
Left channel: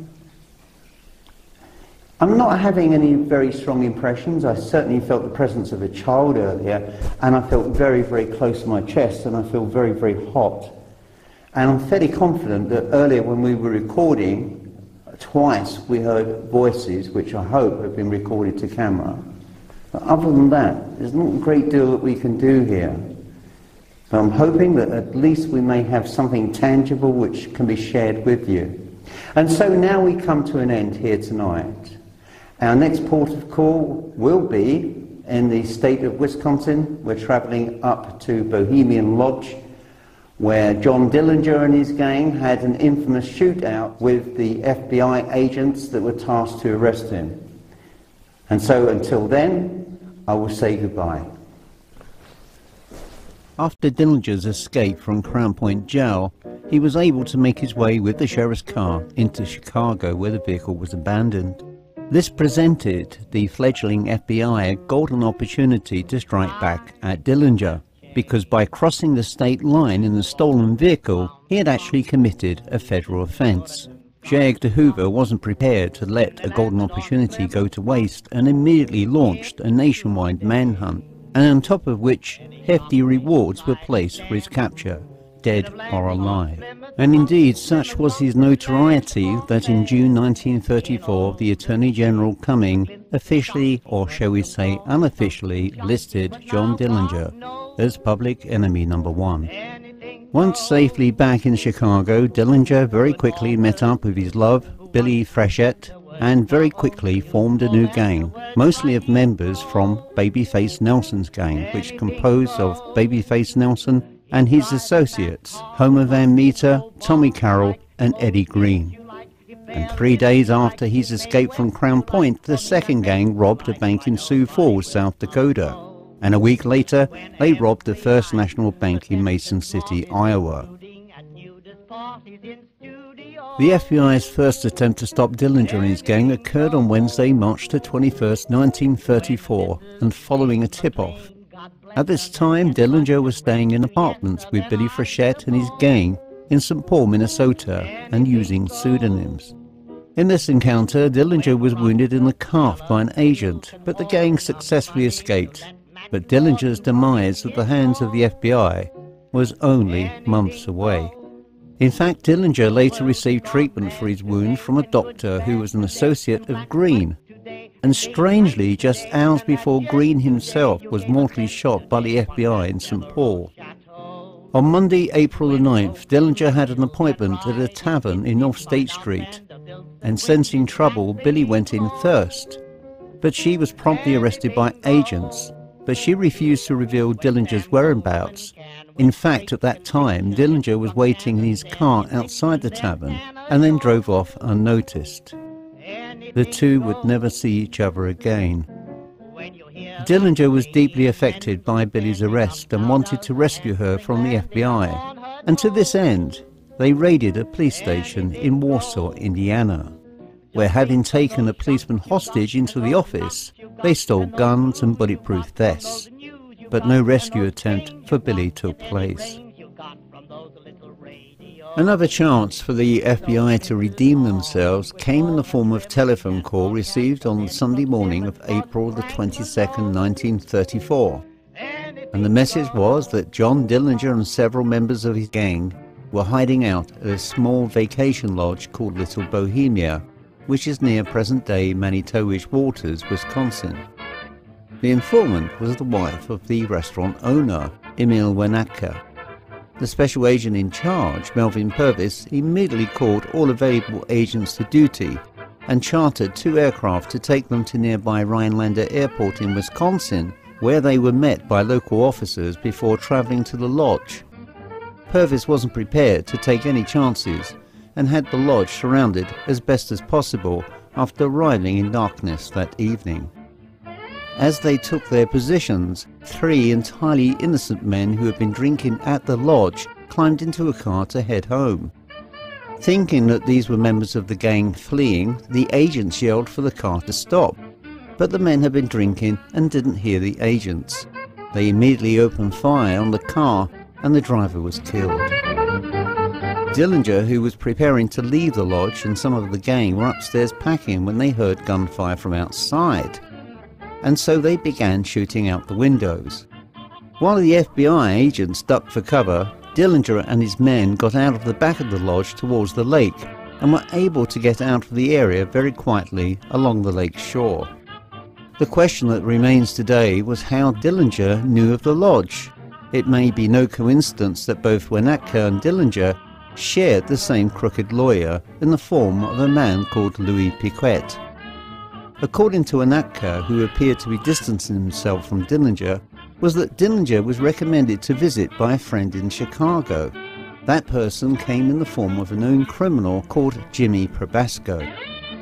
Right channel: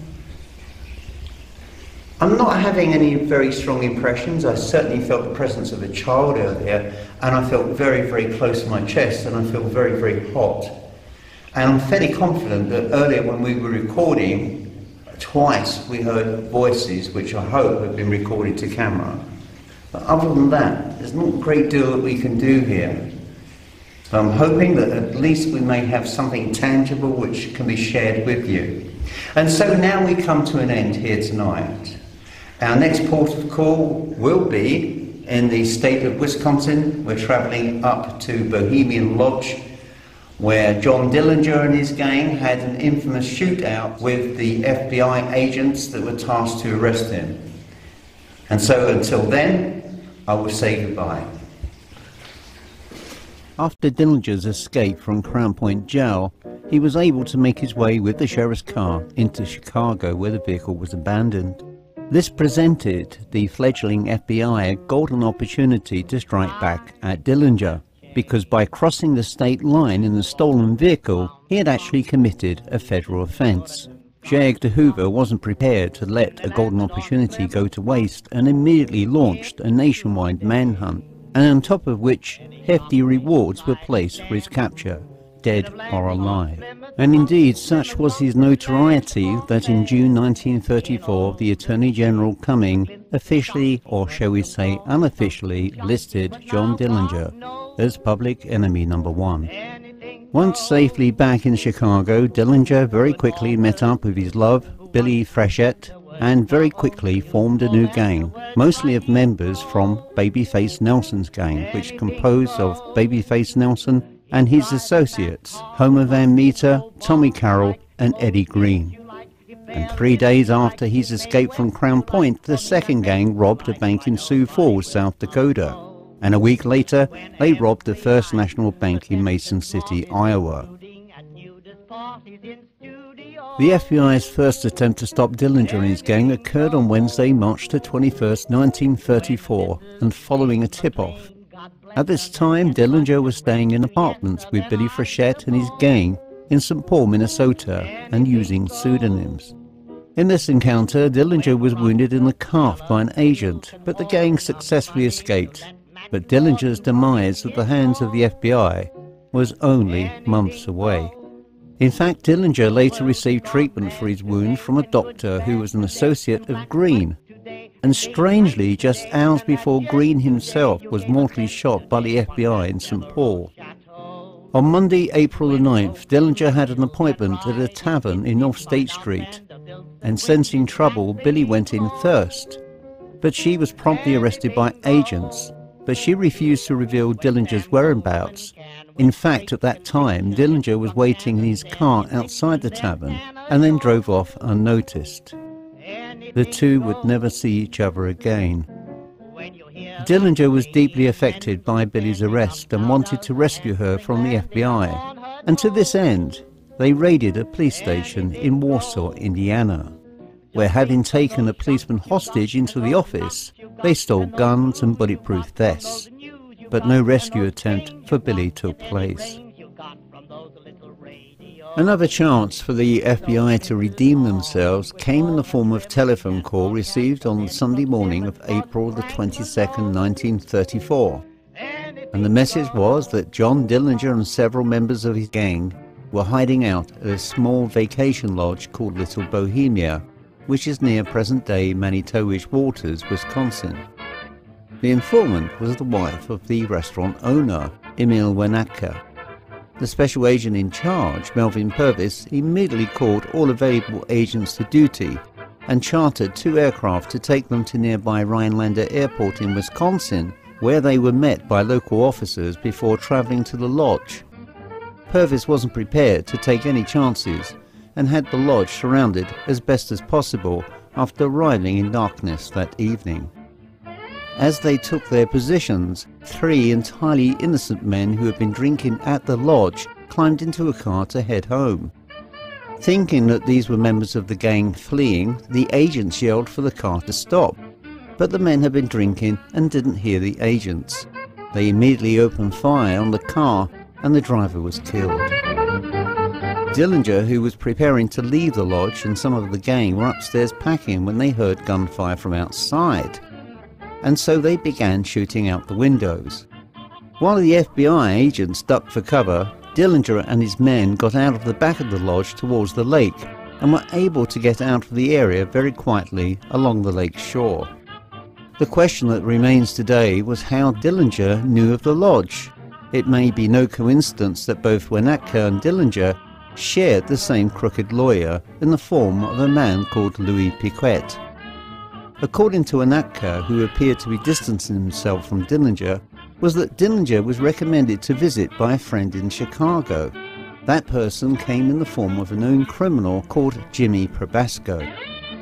not having any very strong impressions. I certainly felt the presence of a child earlier, and I felt very, very close to my chest, and I feel very, very hot. And I'm fairly confident that earlier when we were recording, twice we heard voices which I hope have been recorded to camera. But other than that, there's not a great deal that we can do here. I'm hoping that at least we may have something tangible which can be shared with you. And so now we come to an end here tonight. Our next port of call will be in the state of Wisconsin. We're travelling up to Bohemia Lodge, where John Dillinger and his gang had an infamous shootout with the FBI agents that were tasked to arrest him. And so until then, I will say goodbye. After Dillinger's escape from Crown Point Jail, he was able to make his way with the sheriff's car into Chicago, where the vehicle was abandoned. This presented the fledgling FBI a golden opportunity to strike back at Dillinger, because by crossing the state line in the stolen vehicle, he had actually committed a federal offense. J. Edgar Hoover wasn't prepared to let a golden opportunity go to waste and immediately launched a nationwide manhunt, and on top of which hefty rewards were placed for his capture, dead or alive. And indeed, such was his notoriety that in June 1934, the Attorney General Cumming officially, or shall we say unofficially, listed John Dillinger as public enemy number 1. Once safely back in Chicago, Dillinger very quickly met up with his love, Billy Frechette, and very quickly formed a new gang, mostly of members from Babyface Nelson's gang, which composed of Babyface Nelson and his associates, Homer Van Meter, Tommy Carroll, and Eddie Green. And 3 days after his escape from Crown Point, the second gang robbed a bank in Sioux Falls, South Dakota. And a week later, they robbed the First National Bank in Mason City, Iowa. The FBI's first attempt to stop Dillinger and his gang occurred on Wednesday, March the 21st, 1934, and following a tip-off. At this time, Dillinger was staying in apartments with Billy Frechette and his gang in St. Paul, Minnesota, and using pseudonyms. In this encounter, Dillinger was wounded in the calf by an agent, but the gang successfully escaped. But Dillinger's demise at the hands of the FBI was only months away. In fact, Dillinger later received treatment for his wound from a doctor who was an associate of Green. And strangely, just hours before Green himself was mortally shot by the FBI in St. Paul. On Monday, April the 9th, Dillinger had an appointment at a tavern in North State Street, and sensing trouble, Billy went in first. But she was promptly arrested by agents, but she refused to reveal Dillinger's whereabouts. In fact, at that time, Dillinger was waiting in his car outside the tavern and then drove off unnoticed. The two would never see each other again. Dillinger was deeply affected by Billy's arrest and wanted to rescue her from the FBI, and to this end, they raided a police station in Warsaw, Indiana, where, having taken a policeman hostage into the office, they stole guns and bulletproof vests. But no rescue attempt for Billy took place. Another chance for the FBI to redeem themselves came in the form of a telephone call received on the Sunday morning of April the 22nd, 1934. And the message was that John Dillinger and several members of his gang were hiding out at a small vacation lodge called Little Bohemia, which is near present-day Manitowish Waters, Wisconsin. The informant was the wife of the restaurant owner, Emil Wenatka. The special agent in charge, Melvin Purvis, immediately called all available agents to duty and chartered 2 aircraft to take them to nearby Rhinelander Airport in Wisconsin, where they were met by local officers before traveling to the lodge. Purvis wasn't prepared to take any chances and had the lodge surrounded as best as possible after arriving in darkness that evening. As they took their positions, 3 entirely innocent men who had been drinking at the lodge climbed into a car to head home. Thinking that these were members of the gang fleeing, the agents yelled for the car to stop. But the men had been drinking and didn't hear the agents. They immediately opened fire on the car and the driver was killed. Dillinger, who was preparing to leave the lodge, and some of the gang were upstairs packing when they heard gunfire from outside. And so they began shooting out the windows. While the FBI agents ducked for cover, Dillinger and his men got out of the back of the lodge towards the lake and were able to get out of the area very quietly along the lake shore. The question that remains today was how Dillinger knew of the lodge. It may be no coincidence that both Winnetka and Dillinger shared the same crooked lawyer in the form of a man called Louis Piquet. According to Winnetka, who appeared to be distancing himself from Dillinger, was that Dillinger was recommended to visit by a friend in Chicago. That person came in the form of a known criminal called Jimmy Probasco.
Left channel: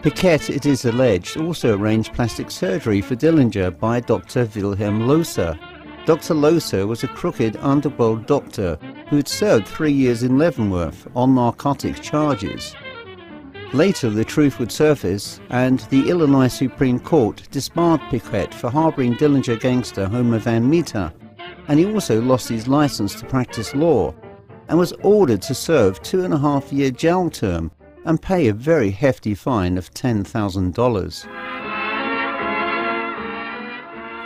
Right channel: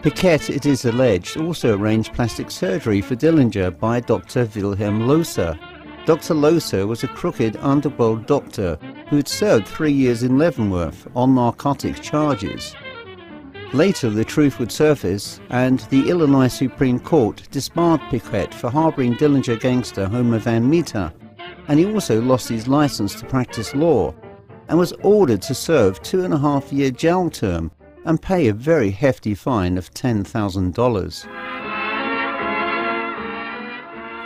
Piquet, it is alleged, also arranged plastic surgery for Dillinger by Dr. Wilhelm Loser. Dr. Loser was a crooked underworld doctor who had served 3 years in Leavenworth on narcotics charges. Later the truth would surface, and the Illinois Supreme Court disbarred Piquet for harbouring Dillinger gangster Homer Van Meter, and he also lost his licence to practice law and was ordered to serve 2.5-year jail term and pay a very hefty fine of $10,000.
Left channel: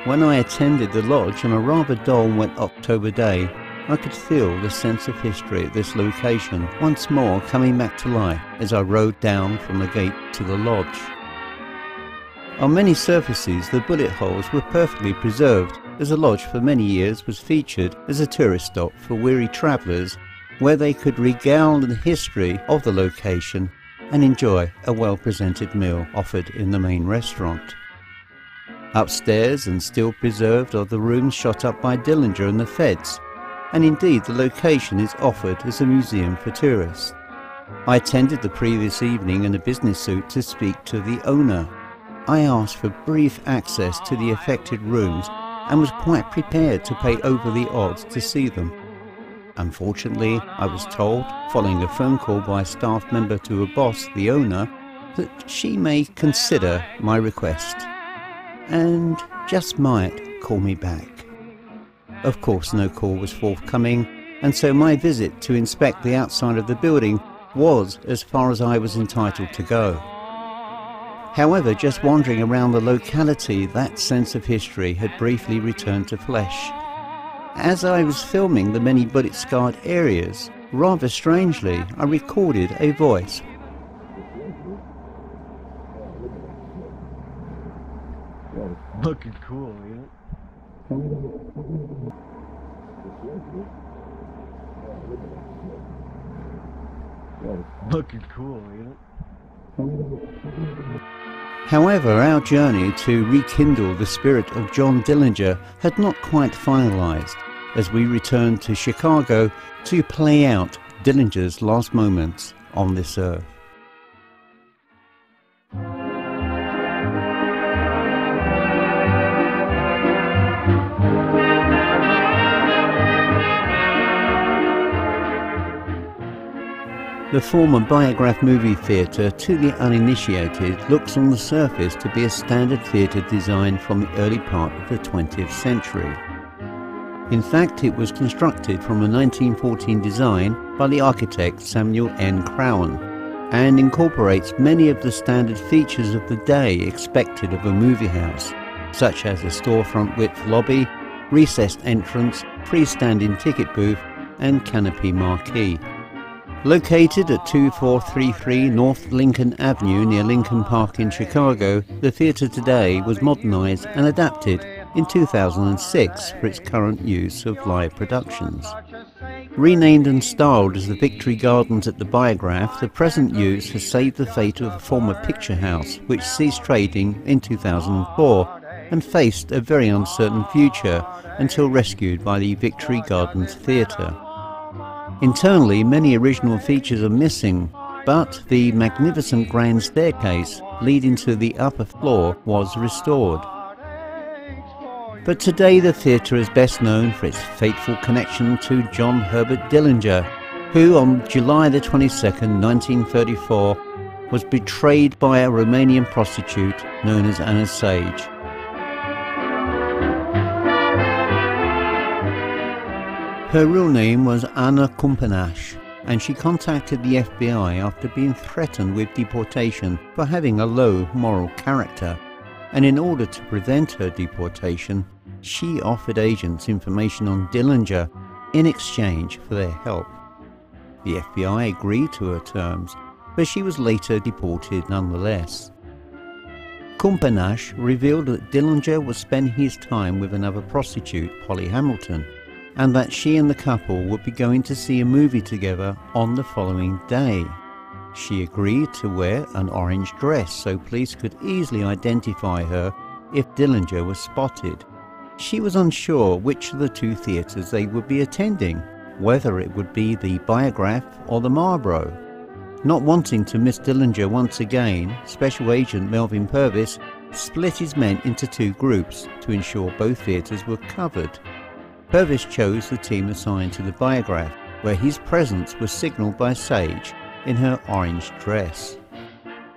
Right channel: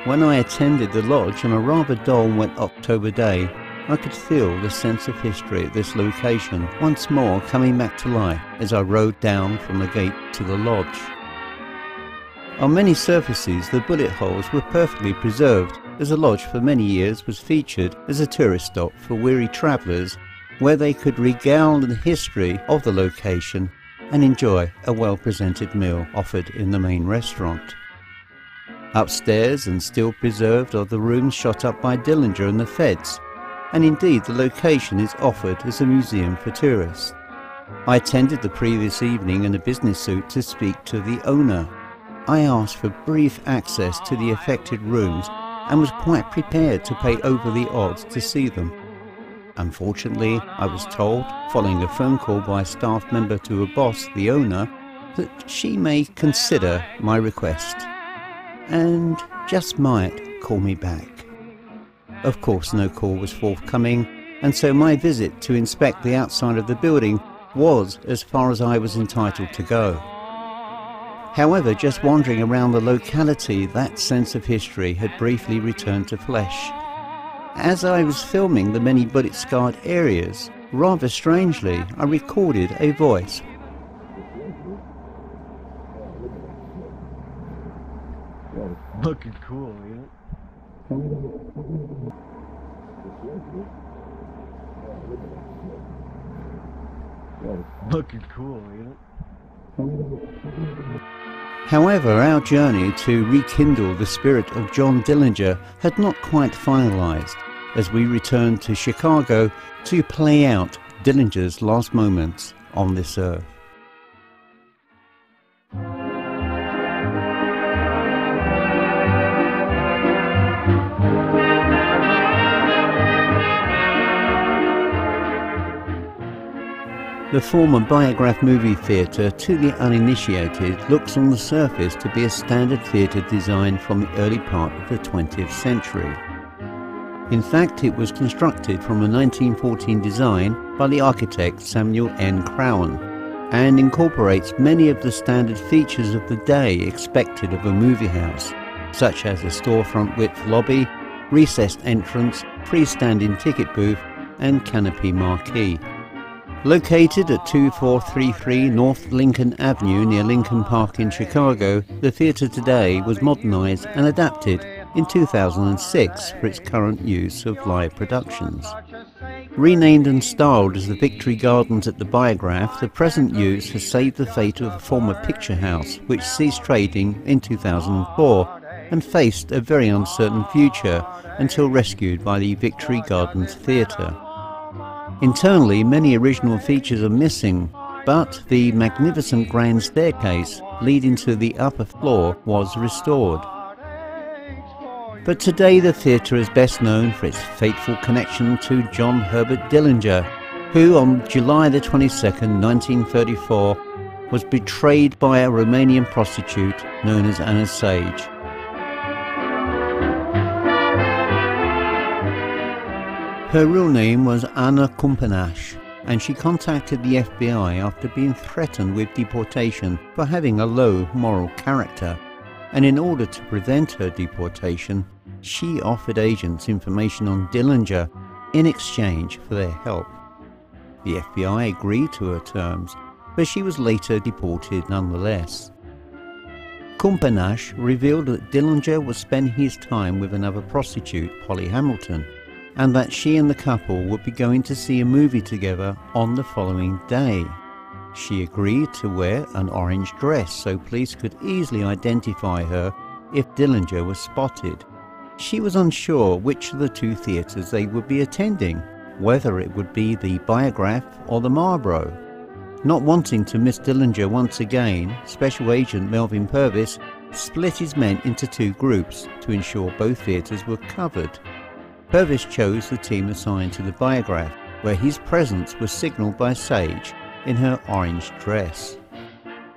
When I attended the lodge on a rather dull wet October day, I could feel the sense of history at this location once more coming back to life as I rode down from the gate to the lodge. On many surfaces the bullet holes were perfectly preserved, as the lodge for many years was featured as a tourist stop for weary travellers where they could regale the history of the location and enjoy a well-presented meal offered in the main restaurant. Upstairs and still preserved are the rooms shot up by Dillinger and the feds, and indeed the location is offered as a museum for tourists. I attended the previous evening in a business suit to speak to the owner. I asked for brief access to the affected rooms and was quite prepared to pay over the odds to see them. Unfortunately, I was told, following a phone call by a staff member to her boss, the owner, that she may consider my request and just might call me back. Of course, no call was forthcoming, and so my visit to inspect the outside of the building was as far as I was entitled to go. However, just wandering around the locality, that sense of history had briefly returned to flesh. As I was filming the many bullet-scarred areas, rather strangely, I recorded a voice. Looking cool, ain't it? Looking cool, ain't it? However, our journey to rekindle the spirit of John Dillinger had not quite finalised, as we returned to Chicago to play out Dillinger's last moments on this earth. The former Biograph movie theatre, to the uninitiated, looks on the surface to be a standard theatre design from the early part of the 20th century. In fact, it was constructed from a 1914 design by the architect Samuel N. Crowan and incorporates many of the standard features of the day expected of a movie house, such as a storefront width lobby, recessed entrance, freestanding ticket booth and canopy marquee. Located at 2433 North Lincoln Avenue near Lincoln Park in Chicago, the theatre today was modernised and adapted in 2006 for its current use of live productions. Renamed and styled as the Victory Gardens at the Biograph, the present use has saved the fate of the former picture house, which ceased trading in 2004 and faced a very uncertain future until rescued by the Victory Gardens Theatre. Internally, many original features are missing, but the magnificent grand staircase leading to the upper floor was restored. But today the theatre is best known for its fateful connection to John Herbert Dillinger, who on July the 22nd, 1934, was betrayed by a Romanian prostitute known as Anna Sage. Her real name was Anna Kumpenash, and she contacted the FBI after being threatened with deportation for having a low moral character, and in order to prevent her deportation, she offered agents information on Dillinger in exchange for their help. The FBI agreed to her terms, but she was later deported nonetheless. Kumpenash revealed that Dillinger was spending his time with another prostitute, Polly Hamilton, and that she and the couple would be going to see a movie together on the following day. She agreed to wear an orange dress so police could easily identify her if Dillinger was spotted. She was unsure which of the two theatres they would be attending, whether it would be the Biograph or the Marlborough. Not wanting to miss Dillinger once again, Special Agent Melvin Purvis split his men into two groups to ensure both theatres were covered. Purvis chose the team assigned to the Biograph, where his presence was signalled by Sage in her orange dress.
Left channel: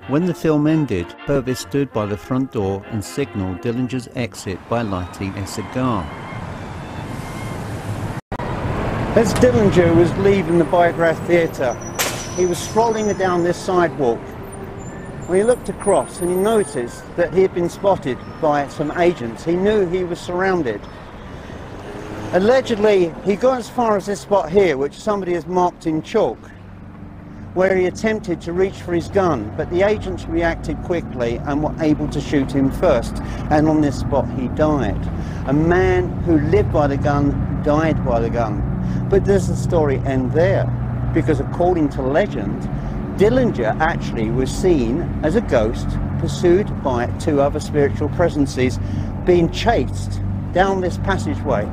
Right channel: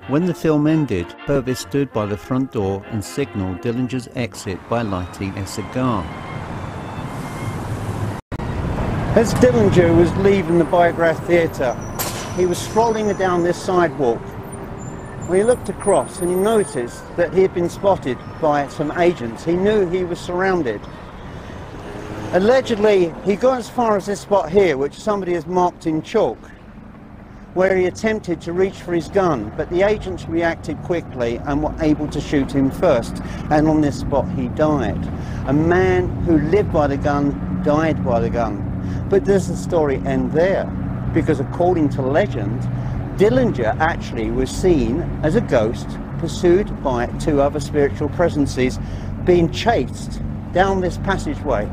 When the film ended, Purvis stood by the front door and signalled Dillinger's exit by lighting a cigar. As Dillinger was leaving the Biograph Theatre, he was strolling down this sidewalk when he looked across and he noticed that he had been spotted by some agents. He knew he was surrounded. Allegedly, he got as far as this spot here, which somebody has marked in chalk, where he attempted to reach for his gun, but the agents reacted quickly and were able to shoot him first, and on this spot he died. A man who lived by the gun died by the gun. But does the story end there? Because according to legend, Dillinger actually was seen as a ghost pursued by two other spiritual presences, being chased down this passageway,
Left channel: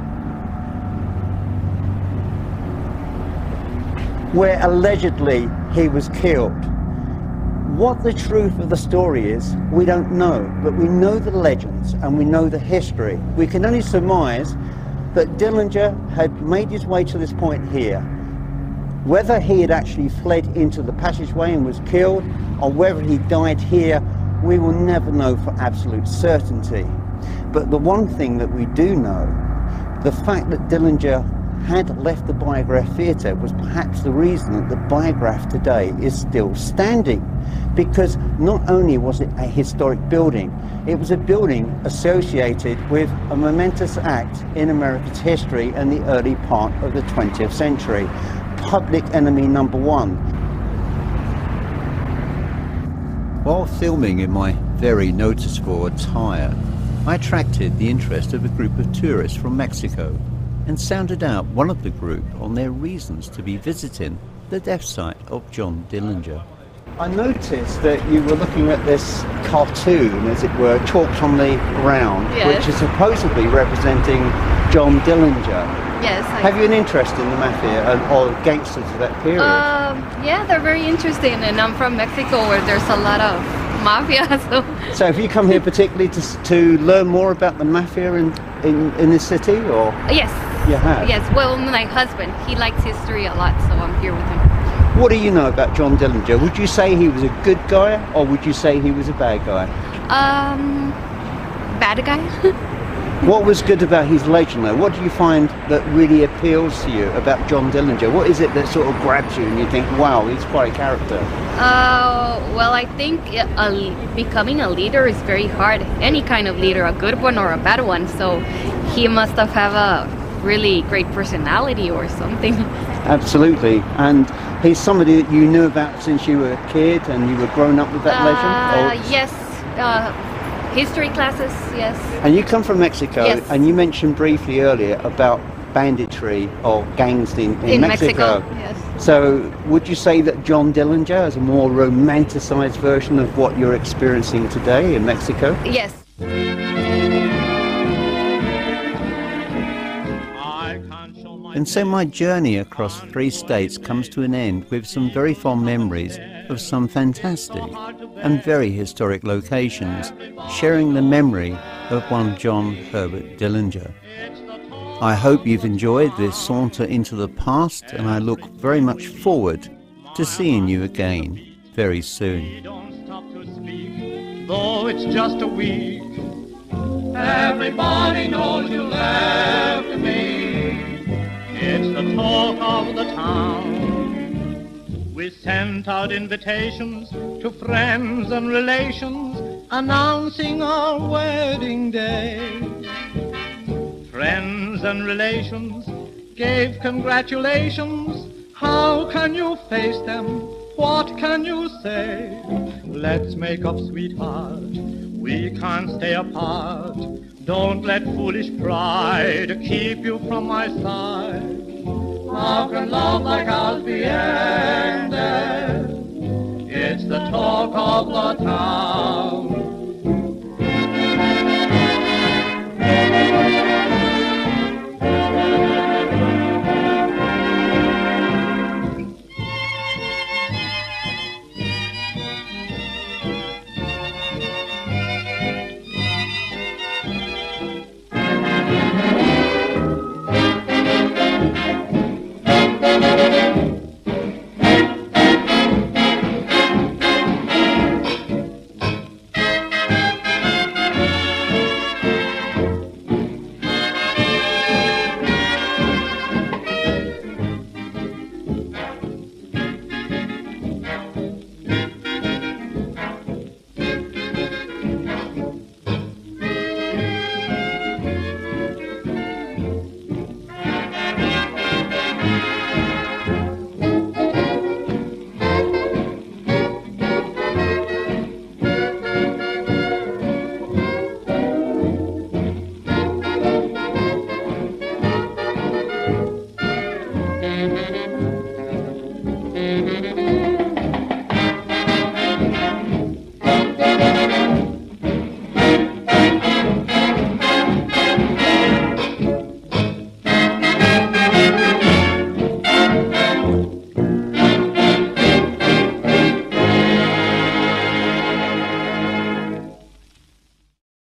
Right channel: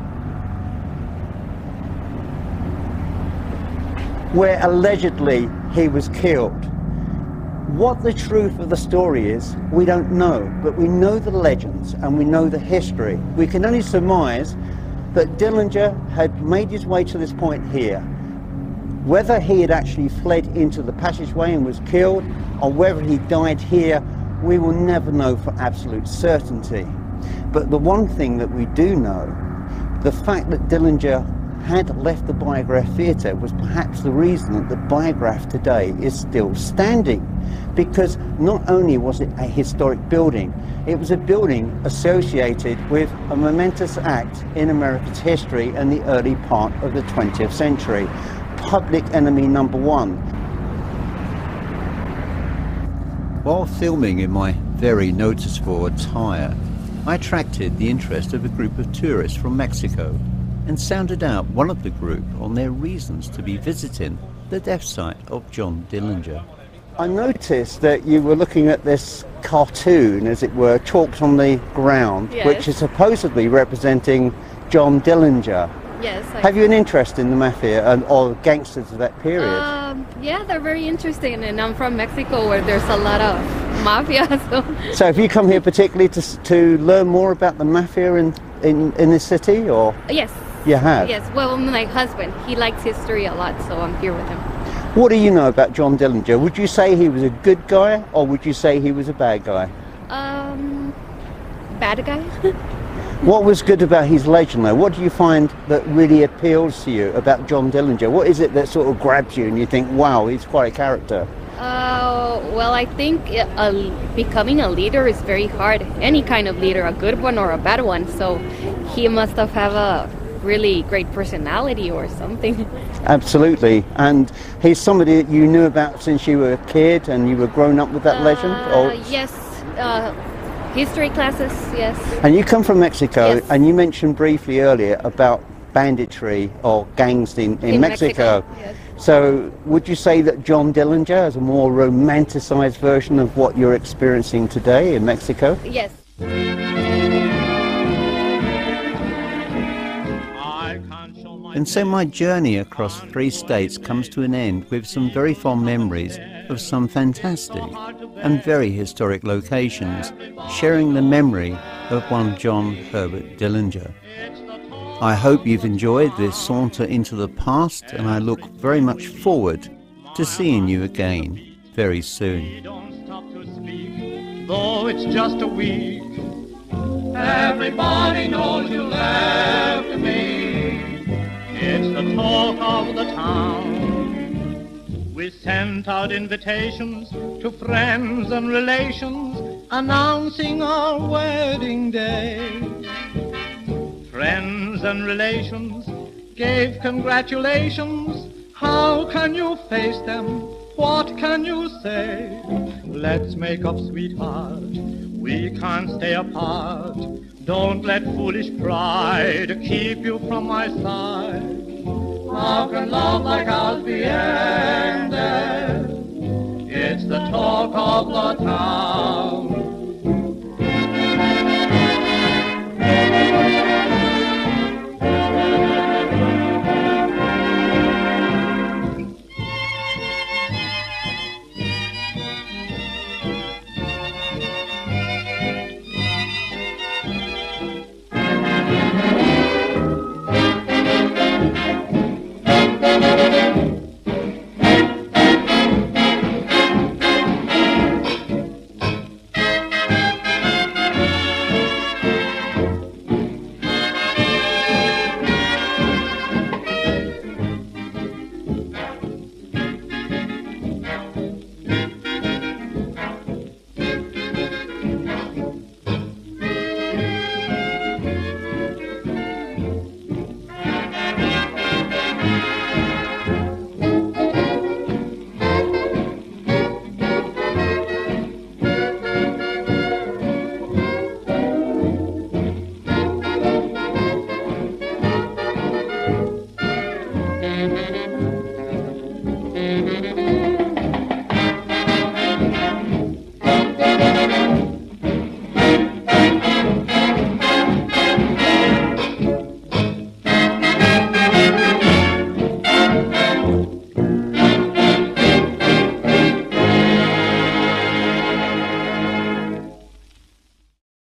where allegedly he was killed. What the truth of the story is, we don't know, but we know the legends and we know the history. We can only surmise that Dillinger had made his way to this point here. Whether he had actually fled into the passageway and was killed, or whether he died here, we will never know for absolute certainty. But the one thing that we do know, the fact that Dillinger had left the Biograph Theatre was perhaps the reason that the Biograph today is still standing. Because not only was it a historic building, it was a building associated with a momentous act in America's history in the early part of the 20th century. Public enemy number one. While filming in my very noticeable attire, I attracted the interest of a group of tourists from Mexico and sounded out one of the group on their reasons to be visiting the death site of John Dillinger. I noticed that you were looking at this cartoon, as it were, chalked on the ground, yes, which is supposedly representing John Dillinger. Yes. Have you an interest in the mafia or gangsters of that period? Yeah, they're very interesting, and I'm from Mexico where there's a lot of mafia. So have you come here particularly to learn more about the mafia in this city, or? Yes. You have? Yes, well, my husband, he likes history a lot, so I'm here with him. What do you know about John Dillinger? Would you say he was a good guy, or would you say he was a bad guy? Bad guy. What was good about his legend, though? What do you find that really appeals to you about John Dillinger? What is it that sort of grabs you and you think, wow, he's quite a character? Well, I think becoming a leader is very hard. Any kind of leader, a good one or a bad one. So he must have a really great personality or something. Absolutely. And he's somebody that you knew about since you were a kid and you were growing up with that legend? Or? Yes. History classes, yes. And you come from Mexico, yes, and you mentioned briefly earlier about banditry or gangs in Mexico. Yes. So would you say that John Dillinger is a more romanticized version of what you're experiencing today in Mexico? Yes. And so my journey across 3 states comes to an end with some very fond memories of some fantastic and very historic locations, sharing the memory of one John Herbert Dillinger. I hope you've enjoyed this saunter into the past, and I look very much forward to seeing you again very soon. Though it's just a week, everybody knows you left me. It's the talk of the town. We sent out invitations to friends and relations, announcing our wedding day. Friends and relations gave congratulations. How can you face them? What can you say? Let's make up, sweetheart. We can't stay apart. Don't let foolish pride keep you from my side. How can love like ours be ended? It's the talk of the town.